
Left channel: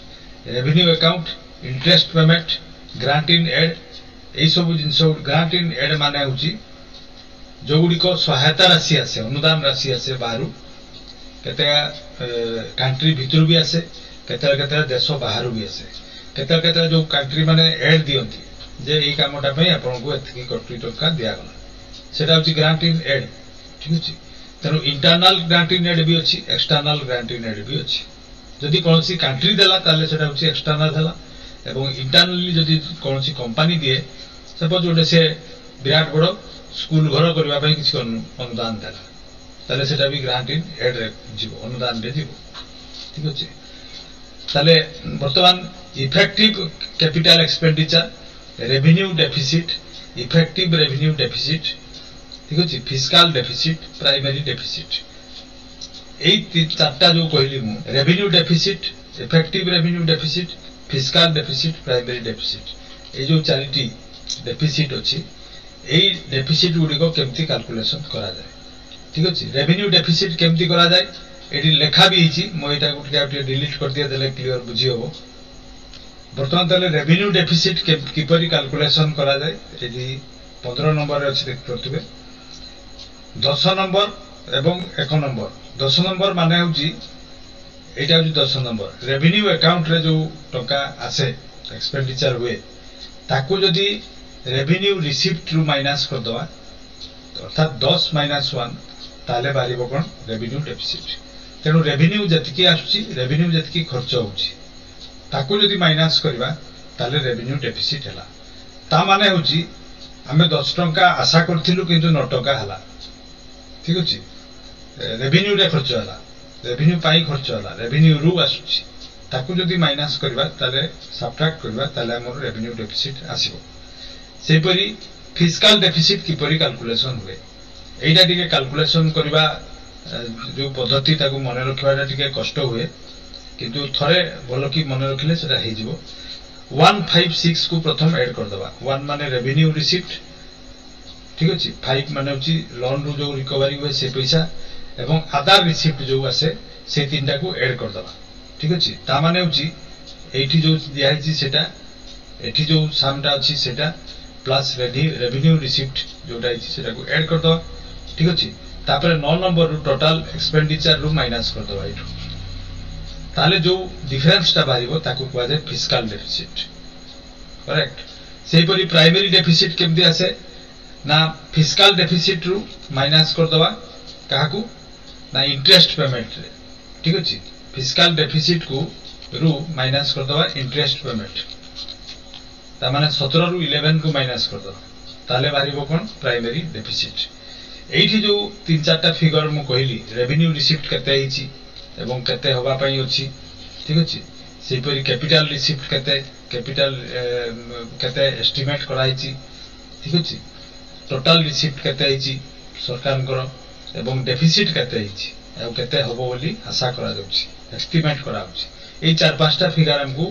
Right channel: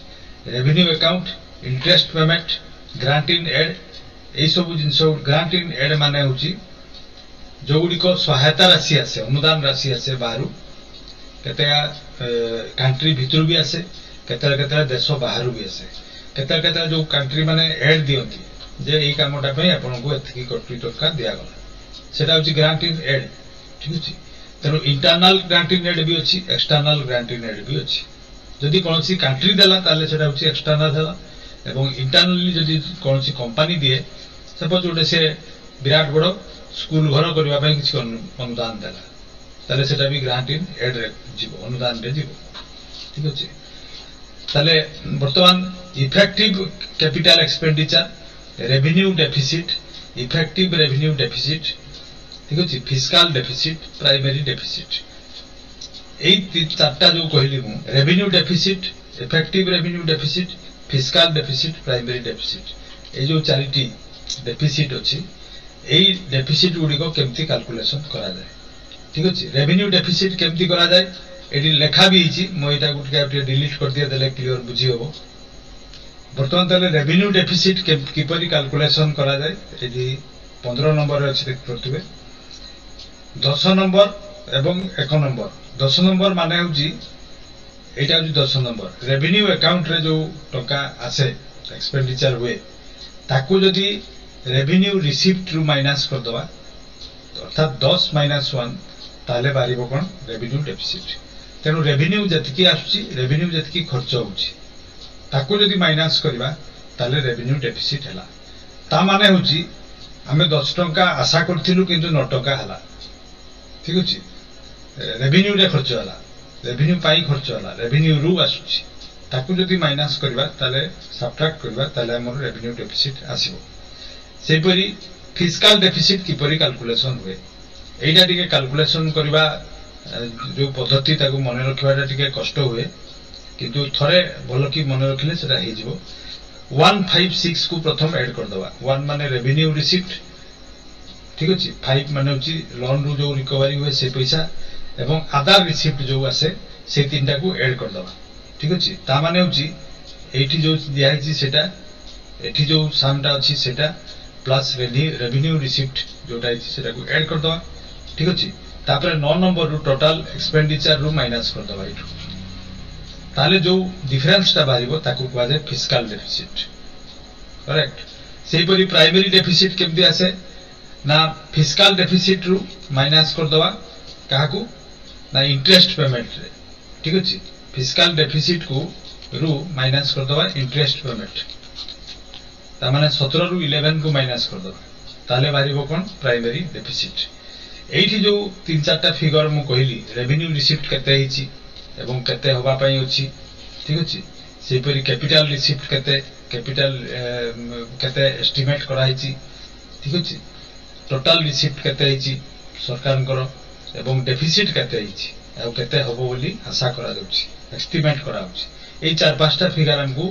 revenue account interest payment grant in aid ए subsidies grant in add माने होछि जो गुडी को सहायता राशि आसे अनुदान राशि आसे बाहरु केते कंट्री भितरु भी आसे केते देश बाहरु भी आसे केते जो कंट्री माने एड दियंती जे एई कामटा पई आपन को एथकी कोटी टका दिया गला सेटा होछि ग्रांट इन एड ठीक अछि तनो इंटरनल ग्रांट इन एड भी अछि एक्सटर्नल ग्रांट इन एड भी अछि जदि कोनसी कंट्री देला ताले सेटा होछि एक्सटर्नल हला एवं इंटरनली जदि कोनसी कंपनी दिए सपोज ओडे से विराट बड़ो स्कूल घर करबा पई किछि अनुदान देला ताले सेटा भी ग्रांट इन एड रे जीवो अनुदान रे जीवो ठीक अछि ताले वर्तमान effective capital expenditure revenue deficit effective revenue deficit ठीक अछि फिस्कल डेफिसिट प्राइमरी डेफिसिट एई चारटा जो कहली मु revenue deficit effective revenue deficit fiscal deficit primary deficit ए जो चारिटी डेफिसिट अछि एई डेफिसिट गुडी को केमती कैलकुलेशन करा जाय ठीक अछि रेवेन्यू डेफिसिट केमती करा जाय एटी लेखा भी हिची मो एटा गुटे डिलीट कर दिया देले क्लियर बुझी होबो वर्तमान तले रेवेन्यू डेफिसिट किपरि कैलकुलेशन करा जाय एटी 15 नंबर रे अछि देख परतुबे 10 नंबर एवं 1 नंबर 10 नंबर माने होजी एटा होजी 10 नंबर रेवेन्यू अकाउंट रे जो टका आसे एक्सपेंडिचर हुए ताकू जदी रेवेन्यू रिसीप्ट रु माइनस कर दवा अर्थात 10 - 1 ताले बारिबो कोन रेवेन्यू डेफिसिट तेनु रेवेन्यू जतकी आछी रेवेन्यू जतकी खर्च होची ताकू जदी माइनस करबा ताले रेवेन्यू डेफिसिट हला ता माने होची हमें 10 टंका आशा करथिलु किंतु 9 टंका हला ठीक अछि रेवेन्यू रे खर्च हला रेवेन्यू पाई खर्च हला रेवेन्यू रु आछी ताकू जदी माइनस करबा ताले सबट्रैक्ट करबा ताले हमर रेवेन्यू डेफिसिट आसीबो सेही परी फिस्कल डेफिसिट किपरि कैलकुलेशन हुए एइटा टिके कैलकुलेशन करबा जो पद्धति ताकू मने रखबाटा टिके कष्ट हुए किंतु थरे भलो की मने रखिले सेटा हे जिवो 156 को प्रथम ऐड कर दवा 1 माने रेवेन्यू रिसीप्ट ठीक अछि 5 माने होची लोन रु जो रिकवरी हुए से पैसा एवं आधार रिसीप्ट जो आसे से तीनटा को ऐड कर दवा ठीक अछि ता माने होची एठी जो दिया छि सेटा एठी जो सामटा अछि सेटा प्लस रेवेन्यू रिसीप्ट जोटा छि सेटा को ऐड कर दवा ठीक अछि तापर 9 नंबर रु टोटल एक्सपेंडिचर रु माइनस कर दवा एठू ताले जो डिफरेंस ता बारिबो ताकू कहवा जाय फिस्कल डेफिसिट करेक्ट सेही परी प्राइमरी डेफिसिट केमदी आसे ना फिस्कल डेफिसिट रु माइनस कर दवा काहाकू ना इंटरेस्ट पेमेंट रे ठीक अछि फिस्कल डेफिसिट को रु माइनस कर दवा इंटरेस्ट पेमेंट ता माने 17 रु 11 को माइनस कर दवा ताले बारिबो कोन प्राइमरी डेफिसिट एठी जो 3-4टा फिगर मु कहली रेवेन्यू रिसीप्ट केते हिची एवं केते होबा पई अछि ठीक अछि सेही परी कैपिटल रिसीप्ट केते कैपिटल केते एस्टिमेट करा हिची ठीक अछि टोटल रिसीप्ट केते हिची सरकारଙ୍କର ଏବଂ डेफिसिट केते हिची ଆଉ केते हबो बोली आशा करा जाउची एस्टिमेट करा होची एई चार पांचटा फिगर हमकु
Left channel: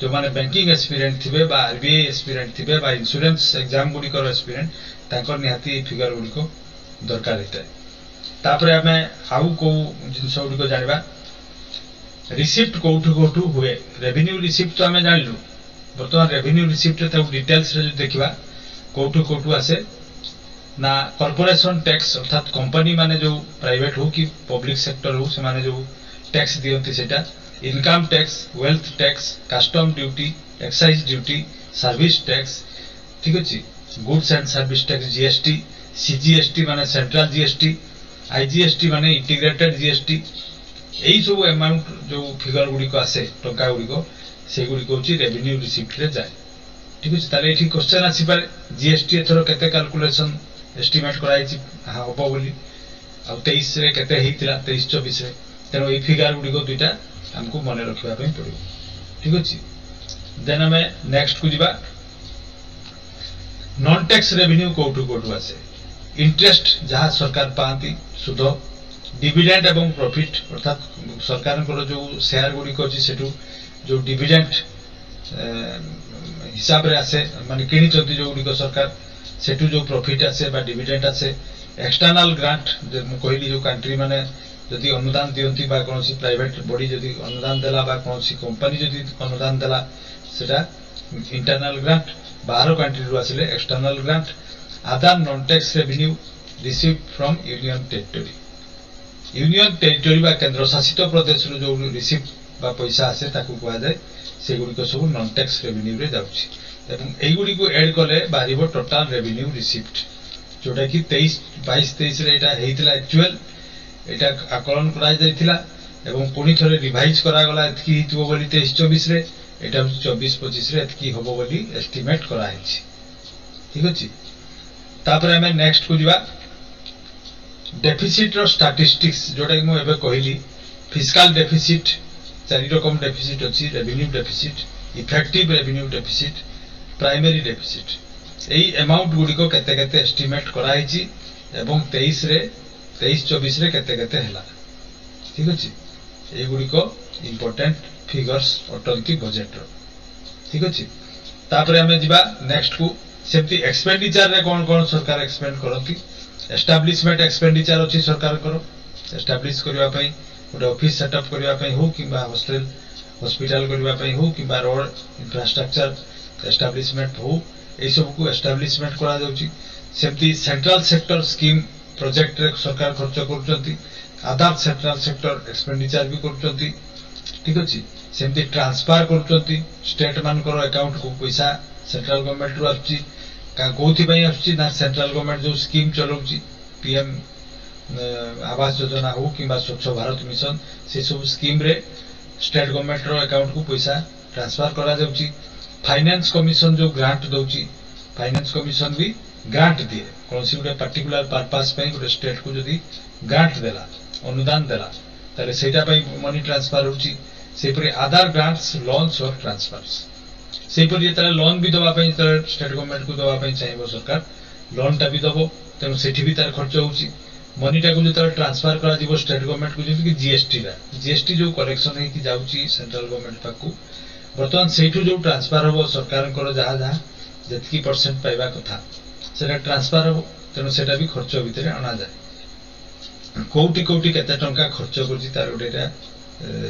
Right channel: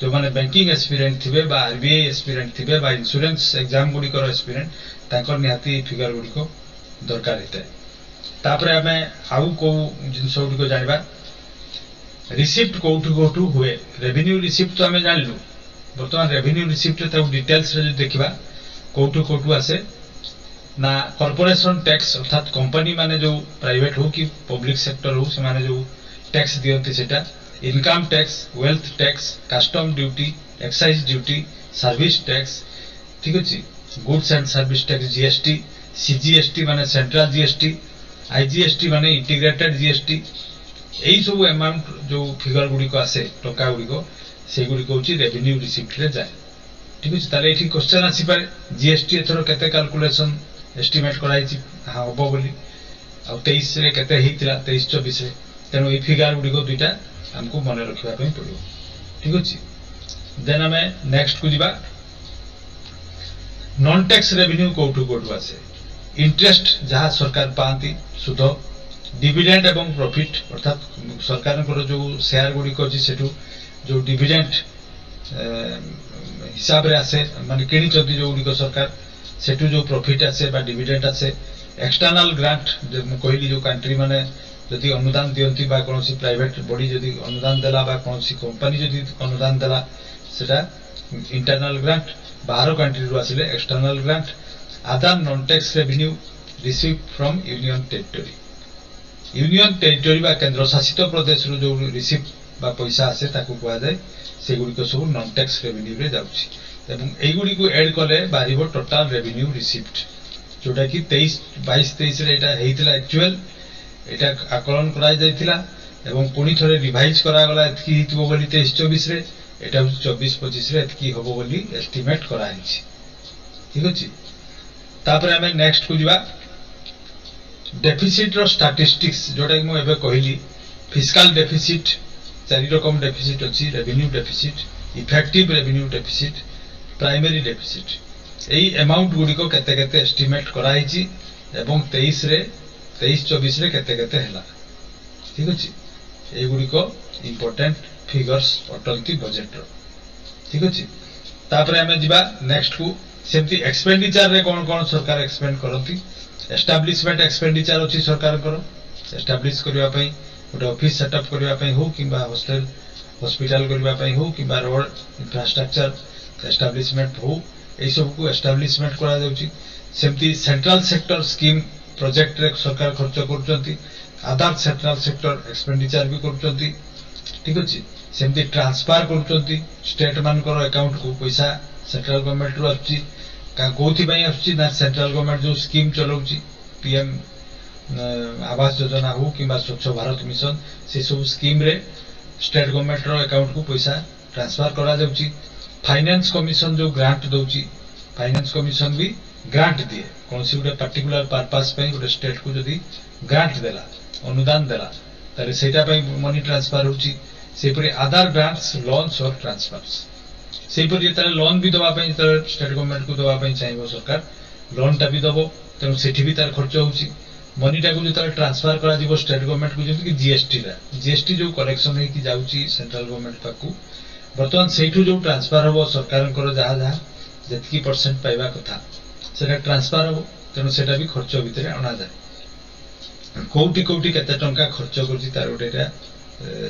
जो माने बैंकिंग एक्सपीरियंस थिबे बा आरबीआई एक्सपीरियंस थिबे बा इंश्योरेंस एग्जाम गुडी कर एक्सपीरियंस तांकर निहाती फिगर गुडी को दरकार हेतै तापरे हमें आउ को जिंस गुडी को जानिबा रिसीप्ट कोठु हुए रेवेन्यू रिसीप्ट तो हमें जानलु वर्तमान रेवेन्यू रिसीप्ट ता डिटेल्स रे देखिबा कोठु आसे ना कॉर्पोरेशन टैक्स अर्थात कंपनी माने जो प्राइवेट हो कि पब्लिक सेक्टर हो से माने जो टैक्स दियंती सेटा income tax wealth tax custom duty excise duty service tax ठीक अछि goods and service tax GST CGST माने सेंट्रल जीएसटी आईजीएसटी माने इंटीग्रेटेड जीएसटी एई सब अमाउंट जो फिगर गुडी को आसे टंका गुडी को से गुडी को होची रेवेन्यू रिसीप्ट रे जाय ठीक अछि ताले एठी क्वेश्चन आसी पारे जीएसटी एथरो केते कैलकुलेशन एस्टिमेट कराइछि हबो बोली आ 23 रे केते हेतिला 23-24 रे तेनो ए फिगर गुडी को दुटा हमको मने रखिबा पई पड़िबो ठीक अछि देन हमें नेक्स्ट को जिबा नॉन टैक्स रेवेन्यू कोठु आसे इंटरेस्ट जहां सरकार पांती सुध डिविडेंड एवं प्रॉफिट अर्थात सरकार को जो शेयर गुडी को अछि सेठू जो डिविडेंड हिसाब रे आसे माने किनी चंती जो गुडी को सरकार सेठू जो प्रॉफिट आसे बा डिविडेंड आसे एक्सटर्नल ग्रांट जो मु कहली जो कंट्री माने जदि अनुदान दियंती बा कोनोसी प्राइवेट बॉडी जदि अनुदान देला बा कोनोसी कंपनी जदि अनुदान देला सेटा इंटरनल ग्रांट बाहर कंट्री रु आसिले external grant other non tax revenue received from union territory बा केंद्र शासित प्रदेश रु जो रिसीव बा पैसा आसे ताकू कहआ जाय से गुडी को सब नॉन टैक्स रेवेन्यू रे जाउची एवं एई गुडी को ऐड कले बारिबो टोटल रेवेन्यू रिसीव्ड जोटा कि 22-23 रे एटा हेतिला एक्चुअल एटा आकलन कराई जायतिला एवं पुनी थरे रिवाइज करा गला एतकी हितबो बोली 23-24 रे एटा 24-25 रे एतकी होबो बोली एस्टिमेट करा हिची ठीक अछि तापर हमें नेक्स्ट को जिबा डेफिसिट रो स्टैटिस्टिक्स जोटा कि मु एबे कहली फिस्कल डेफिसिट चारि रकम डेफिसिट अछि revenue deficit effective revenue deficit primary deficit एई अमाउंट गुडी को केते केते एस्टिमेट करा हिची एवं 23-24 रे केते केते हैला ठीक अछि एई गुडी को इंपोर्टेंट फिगर्स अटंती बजट रो ठीक अछि तापरे हमें जिबा नेक्स्ट को सेमती एक्सपेंडिचर रे कोन कोन सरकार एक्सपेंड करंती एस्टैब्लिशमेंट एक्सपेंडिचर अछि सरकार करो एस्टैब्लिश करिवा पई गोटे ऑफिस सेटअप करिवा पई हो किबा हॉस्टल हॉस्पिटल करिवा पई हो किबा रोड इंफ्रास्ट्रक्चर एस्टैब्लिशमेंट हो ए सब को एस्टैब्लिशमेंट करा जाउची सेमती सेंट्रल सेक्टर स्कीम प्रोजेक्ट रे सरकार खर्च करूचंती अदर सेंट्रल सेक्टर एक्सपेंडिचर भी करूचंती ठीक अछि सेमती ट्रांसफर करूचंती स्टेट मान करो अकाउंट को पैसा सेंट्रल गवर्नमेंट रु आछि का कोथि पई आछि ना सेंट्रल गवर्नमेंट जो स्कीम चलाउची पीएम आवास योजना हो किबा स्वच्छ भारत मिशन से सब स्कीम रे स्टेट गवर्नमेंट रो अकाउंट को पैसा ट्रांसफर करा जाउची फाइनेंस कमिशन जो ग्रांट दउची फाइनेंस कमिशन भी ग्रांट दिए कोनसी गुटे पर्टिकुलर पर्पस पई गुटे स्टेट को जदी ग्रांट देला अनुदान देला तले सेटा पई मनी ट्रांसफर होची सेपरि अदर ग्रांट्स लोन्स और ट्रांसफर्स सेपरि तले लोन भी दवा पई तले स्टेट गवर्नमेंट को दवा पई चाहिबो सरकार लोन टा भी दबो तेनु सेठी भी तार खर्च होची मनी टा को जो तले ट्रांसफर करा जीवो स्टेट गवर्नमेंट को जेंति कि जीएसटी जो कलेक्शन है कि जाउची सेंट्रल गवर्नमेंट पाकू वर्तमान सेठू जो ट्रांसफर हो सरकार करो जहा जहा जतकी परसेंट पाइबा कथा सेटा ट्रांसफर हो तेनु सेटा भी खर्च भितरे अना जाय कोटी कोटी केते टंका खर्च करची तार गोटेटा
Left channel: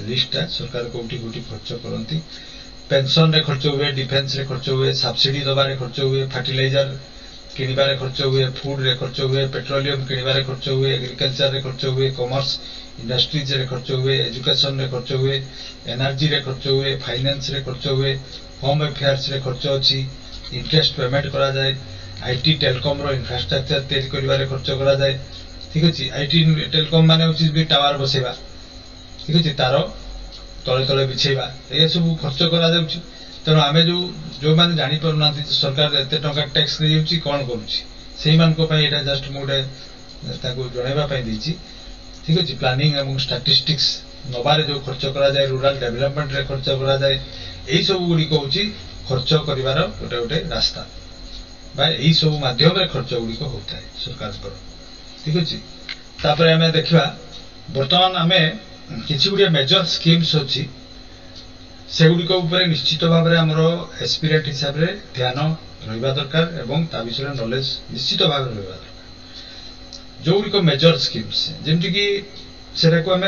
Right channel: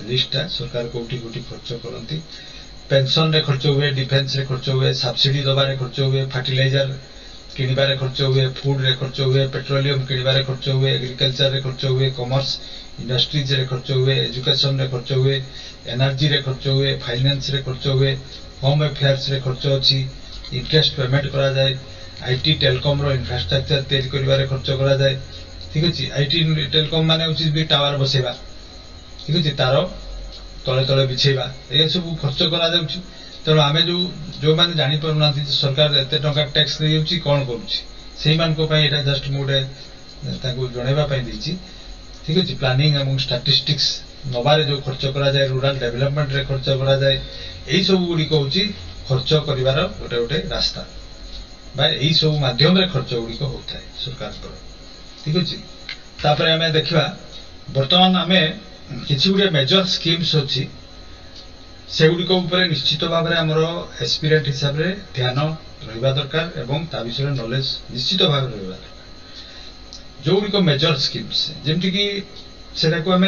लिस्ट सरकार कोटी कोटी खर्च करंती पेंशन रे खर्च हुए डिफेंस रे खर्च हुए सब्सिडी दबारे खर्च हुए फर्टिलाइजर किनिबारे खर्च हुए फूड रे खर्च हुए पेट्रोलियम किनिबारे खर्च हुए एग्रीकल्चर रे खर्च हुए कॉमर्स इंडस्ट्रीज रे खर्च हुए एजुकेशन रे खर्च हुए एनर्जी रे खर्च हुए फाइनेंस रे खर्च हुए होम अफेयर्स रे खर्च अछि इंटरेस्ट पेमेंट करा जाय आईटी टेलीकॉम रो इंफ्रास्ट्रक्चर तैयारी करिबारे खर्च करा जाय ठीक अछि आईटी टेलीकॉम माने अछि बी टावर बसेबा ठीक अछि तारो तले तले बिछेबा ए सब खर्च करा जाउछि तेणु आमे जो माने जानि परना सरकार एते टंका टैक्स नै जाउछि कोन करूछि सेही मान को पई एटा जस्ट मोडे ताको जणैबा पई दैछि ठीक अछि प्लानिंग एवं स्टैटिस्टिक्स नबारे जो खर्च करा जाय रूरल डेवलपमेंट रे खर्च करा जाय एई सब गुडी को होछि खर्च करिवार गोटे गोटे रास्ता बा यही सब माध्यम खर्च गुड़िक होता है सरकार ठीक अच्छे तापर आम देखा बर्तमान आम किसी गुड़िया मेजर स्कीम्स अच्छी से गुड़िक निश्चित भाव में आमर एस्पिरेंट हिसाब से ध्यान रहा दरकार एवं ता विषय नॉलेज निश्चित भाव में रहा दरकार जो गुड़िक मेजर स्कीम्स जमती कि सेटा को आम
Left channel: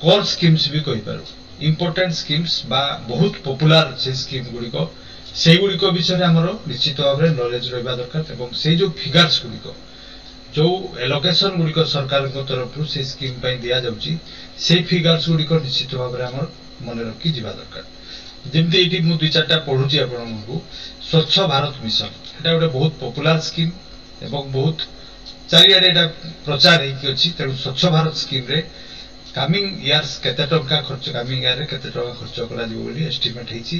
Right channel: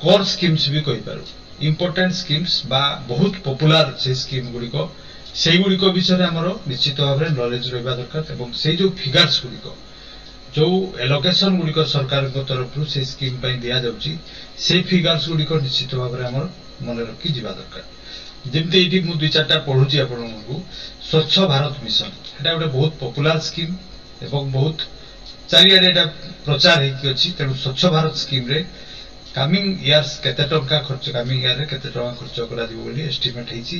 कोर स्कीम्स भी कही पार इम्पोर्टेंट स्कीम्स बा बहुत पॉपुलर से स्कीम गुड़िक से गुड़िक विषय आमर निश्चित भाव में नॉलेज रहा दरकार एवं से जो फिगर्स गुड़िक जो एलोकेशन गुड़िक सरकार तरफ से स्कीम दि जाऊँगी से फिगर्स गुड़िक निश्चित भाव में आमर मन रखी जावा दरकार जमती ये मुझे दुई चार्टा पढ़ुची आपको स्वच्छ भारत मिशन एटा गोटे बहुत पॉपुलर स्कीम एवं बहुत चारिआडे प्रचार होती तेणु स्वच्छ Bharat scheme ray coming years केते टंका खर्च कमिंग इयर केते टंका खर्च करा दिबो बोली एस्टिमेट हेची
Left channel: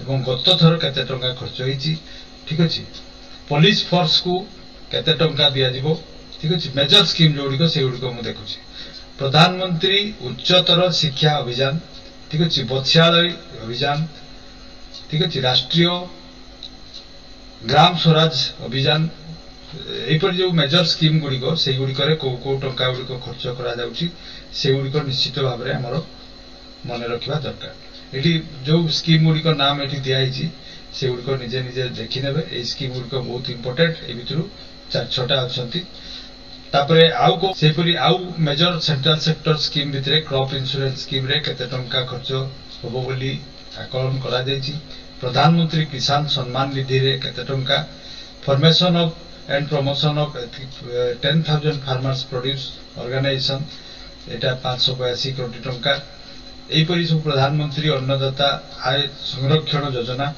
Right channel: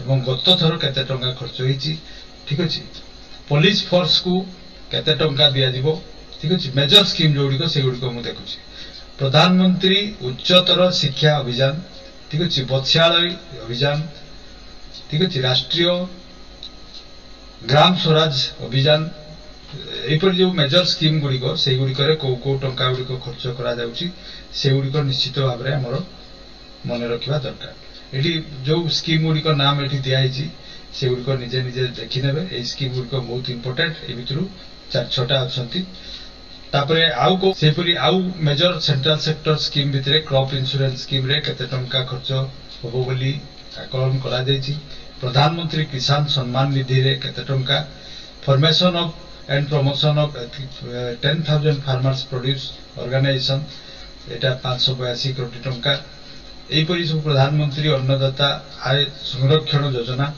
एवं गत थर केते टंका खर्च हेची ठीक अछि पुलिस फोर्स को केते टंका दिया जिवो ठीक अछि मेजर स्कीम जोड़ी से गुड़ी को देखुची प्रधानमंत्री उच्चतर शिक्षा अभियान ठीक अच्छे बत्स्यालय अभियान ठीक अच्छे राष्ट्रीय ग्राम स्वराज अभियान यहपर जो मेजर स्कीम गुड़िक से गुड़िक कौ टंका गुड़िक खर्च से गुड़िक निश्चित भाव में आमर मन रखा दरकार ये जो स्कीम गुड़िक नाम ये दिखाई से गुड़िक निजे निजे देखने ये स्कीम गुड़िक बहुत इंपोर्टेंट ए भितर 4-6टा अच्छी तापरे आउ को सेपरी आउ मेजर सेंट्रल सेक्टर स्कीम भितरे क्रॉप इंश्योरेंस स्कीम रे केते टंका खर्च होबो बोली आकलन करा जायछि प्रधानमंत्री किसान सम्मान निधि रे केते टंका formation of and promotion of 10,000 farmers produce organisation एटा 582 कोटी टंका एपरी सब प्रधानमंत्री अन्नदाता आय संरक्षण योजना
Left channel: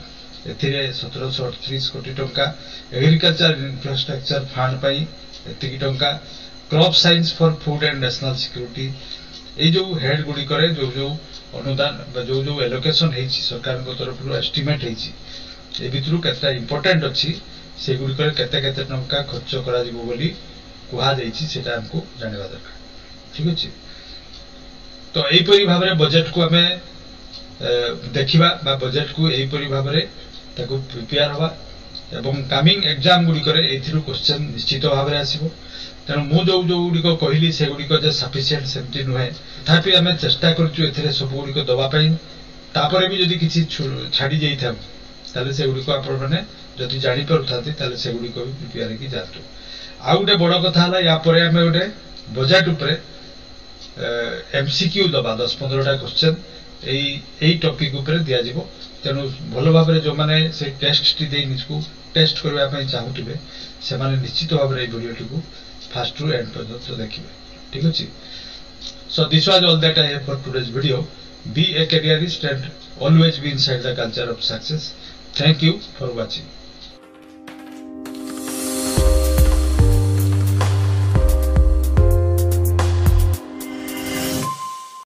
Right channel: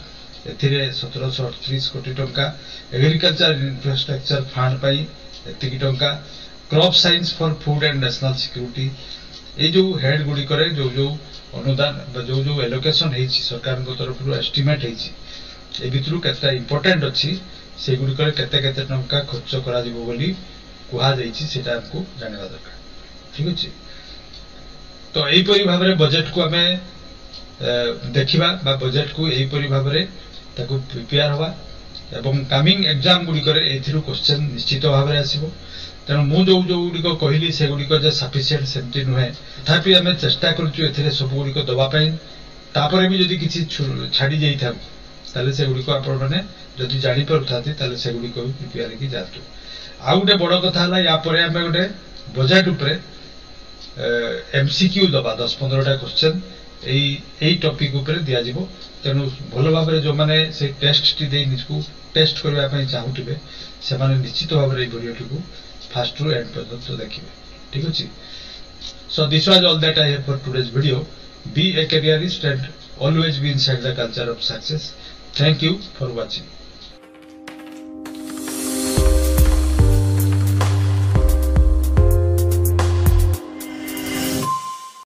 एथिरे 1738 कोटी टंका एग्रीकल्चर इंफ्रास्ट्रक्चर फंड पई एतिकी टंका crop science for food and national security ये जो हेड गुड़िक जो जो अनुदान जो जो एलोकेशन है सरकार तरफ एस्टिमेट है भितर केतटा इंपोर्टेंट अच्छी से गुड़िक केते केते टंका खर्च करा जिवो बोली कुहा जायछि सेटा हमको जानवा दरकार ठीक अछि तो एहीपरि भाव में बजेट को आमे देखिबा बा बजेट को एहीपरि भाव में ताको प्रिपेयर हवा एवं कमिंग एग्जाम गुड़िक क्वेश्चन निश्चित भाव में आसो तेणु मु जो जो गुड़िक कहली से गुड़िक सफिसीयंट सेमती नुहे तथापि आम चेष्टा करूँ सब गुड़िक दवापाई तापर भी जदि किसी छाड़ी जाइए ताले से गुड़िक आपण मैंने जदि जापर था से गुड़िक भी प्रिपेयर होगी जातु आउ गोटे बड़ कथा है यापर आम गोटे बजेट उपरे एमसीक्यू दबा 10-15टा क्वेश्चन यही टॉपिक उपरे दिया जिवो तेणु भल भाव में जो मैंने से टेस्ट टी दे निजको टेस्ट करने चाहूबे से माने निश्चित भाव में वीडियो टी फास्ट रु एंड पर्यंत देखिए ठीक अच्छे so this was all that I have for today's video be a careerist and always be inside the culture of success thank you for watching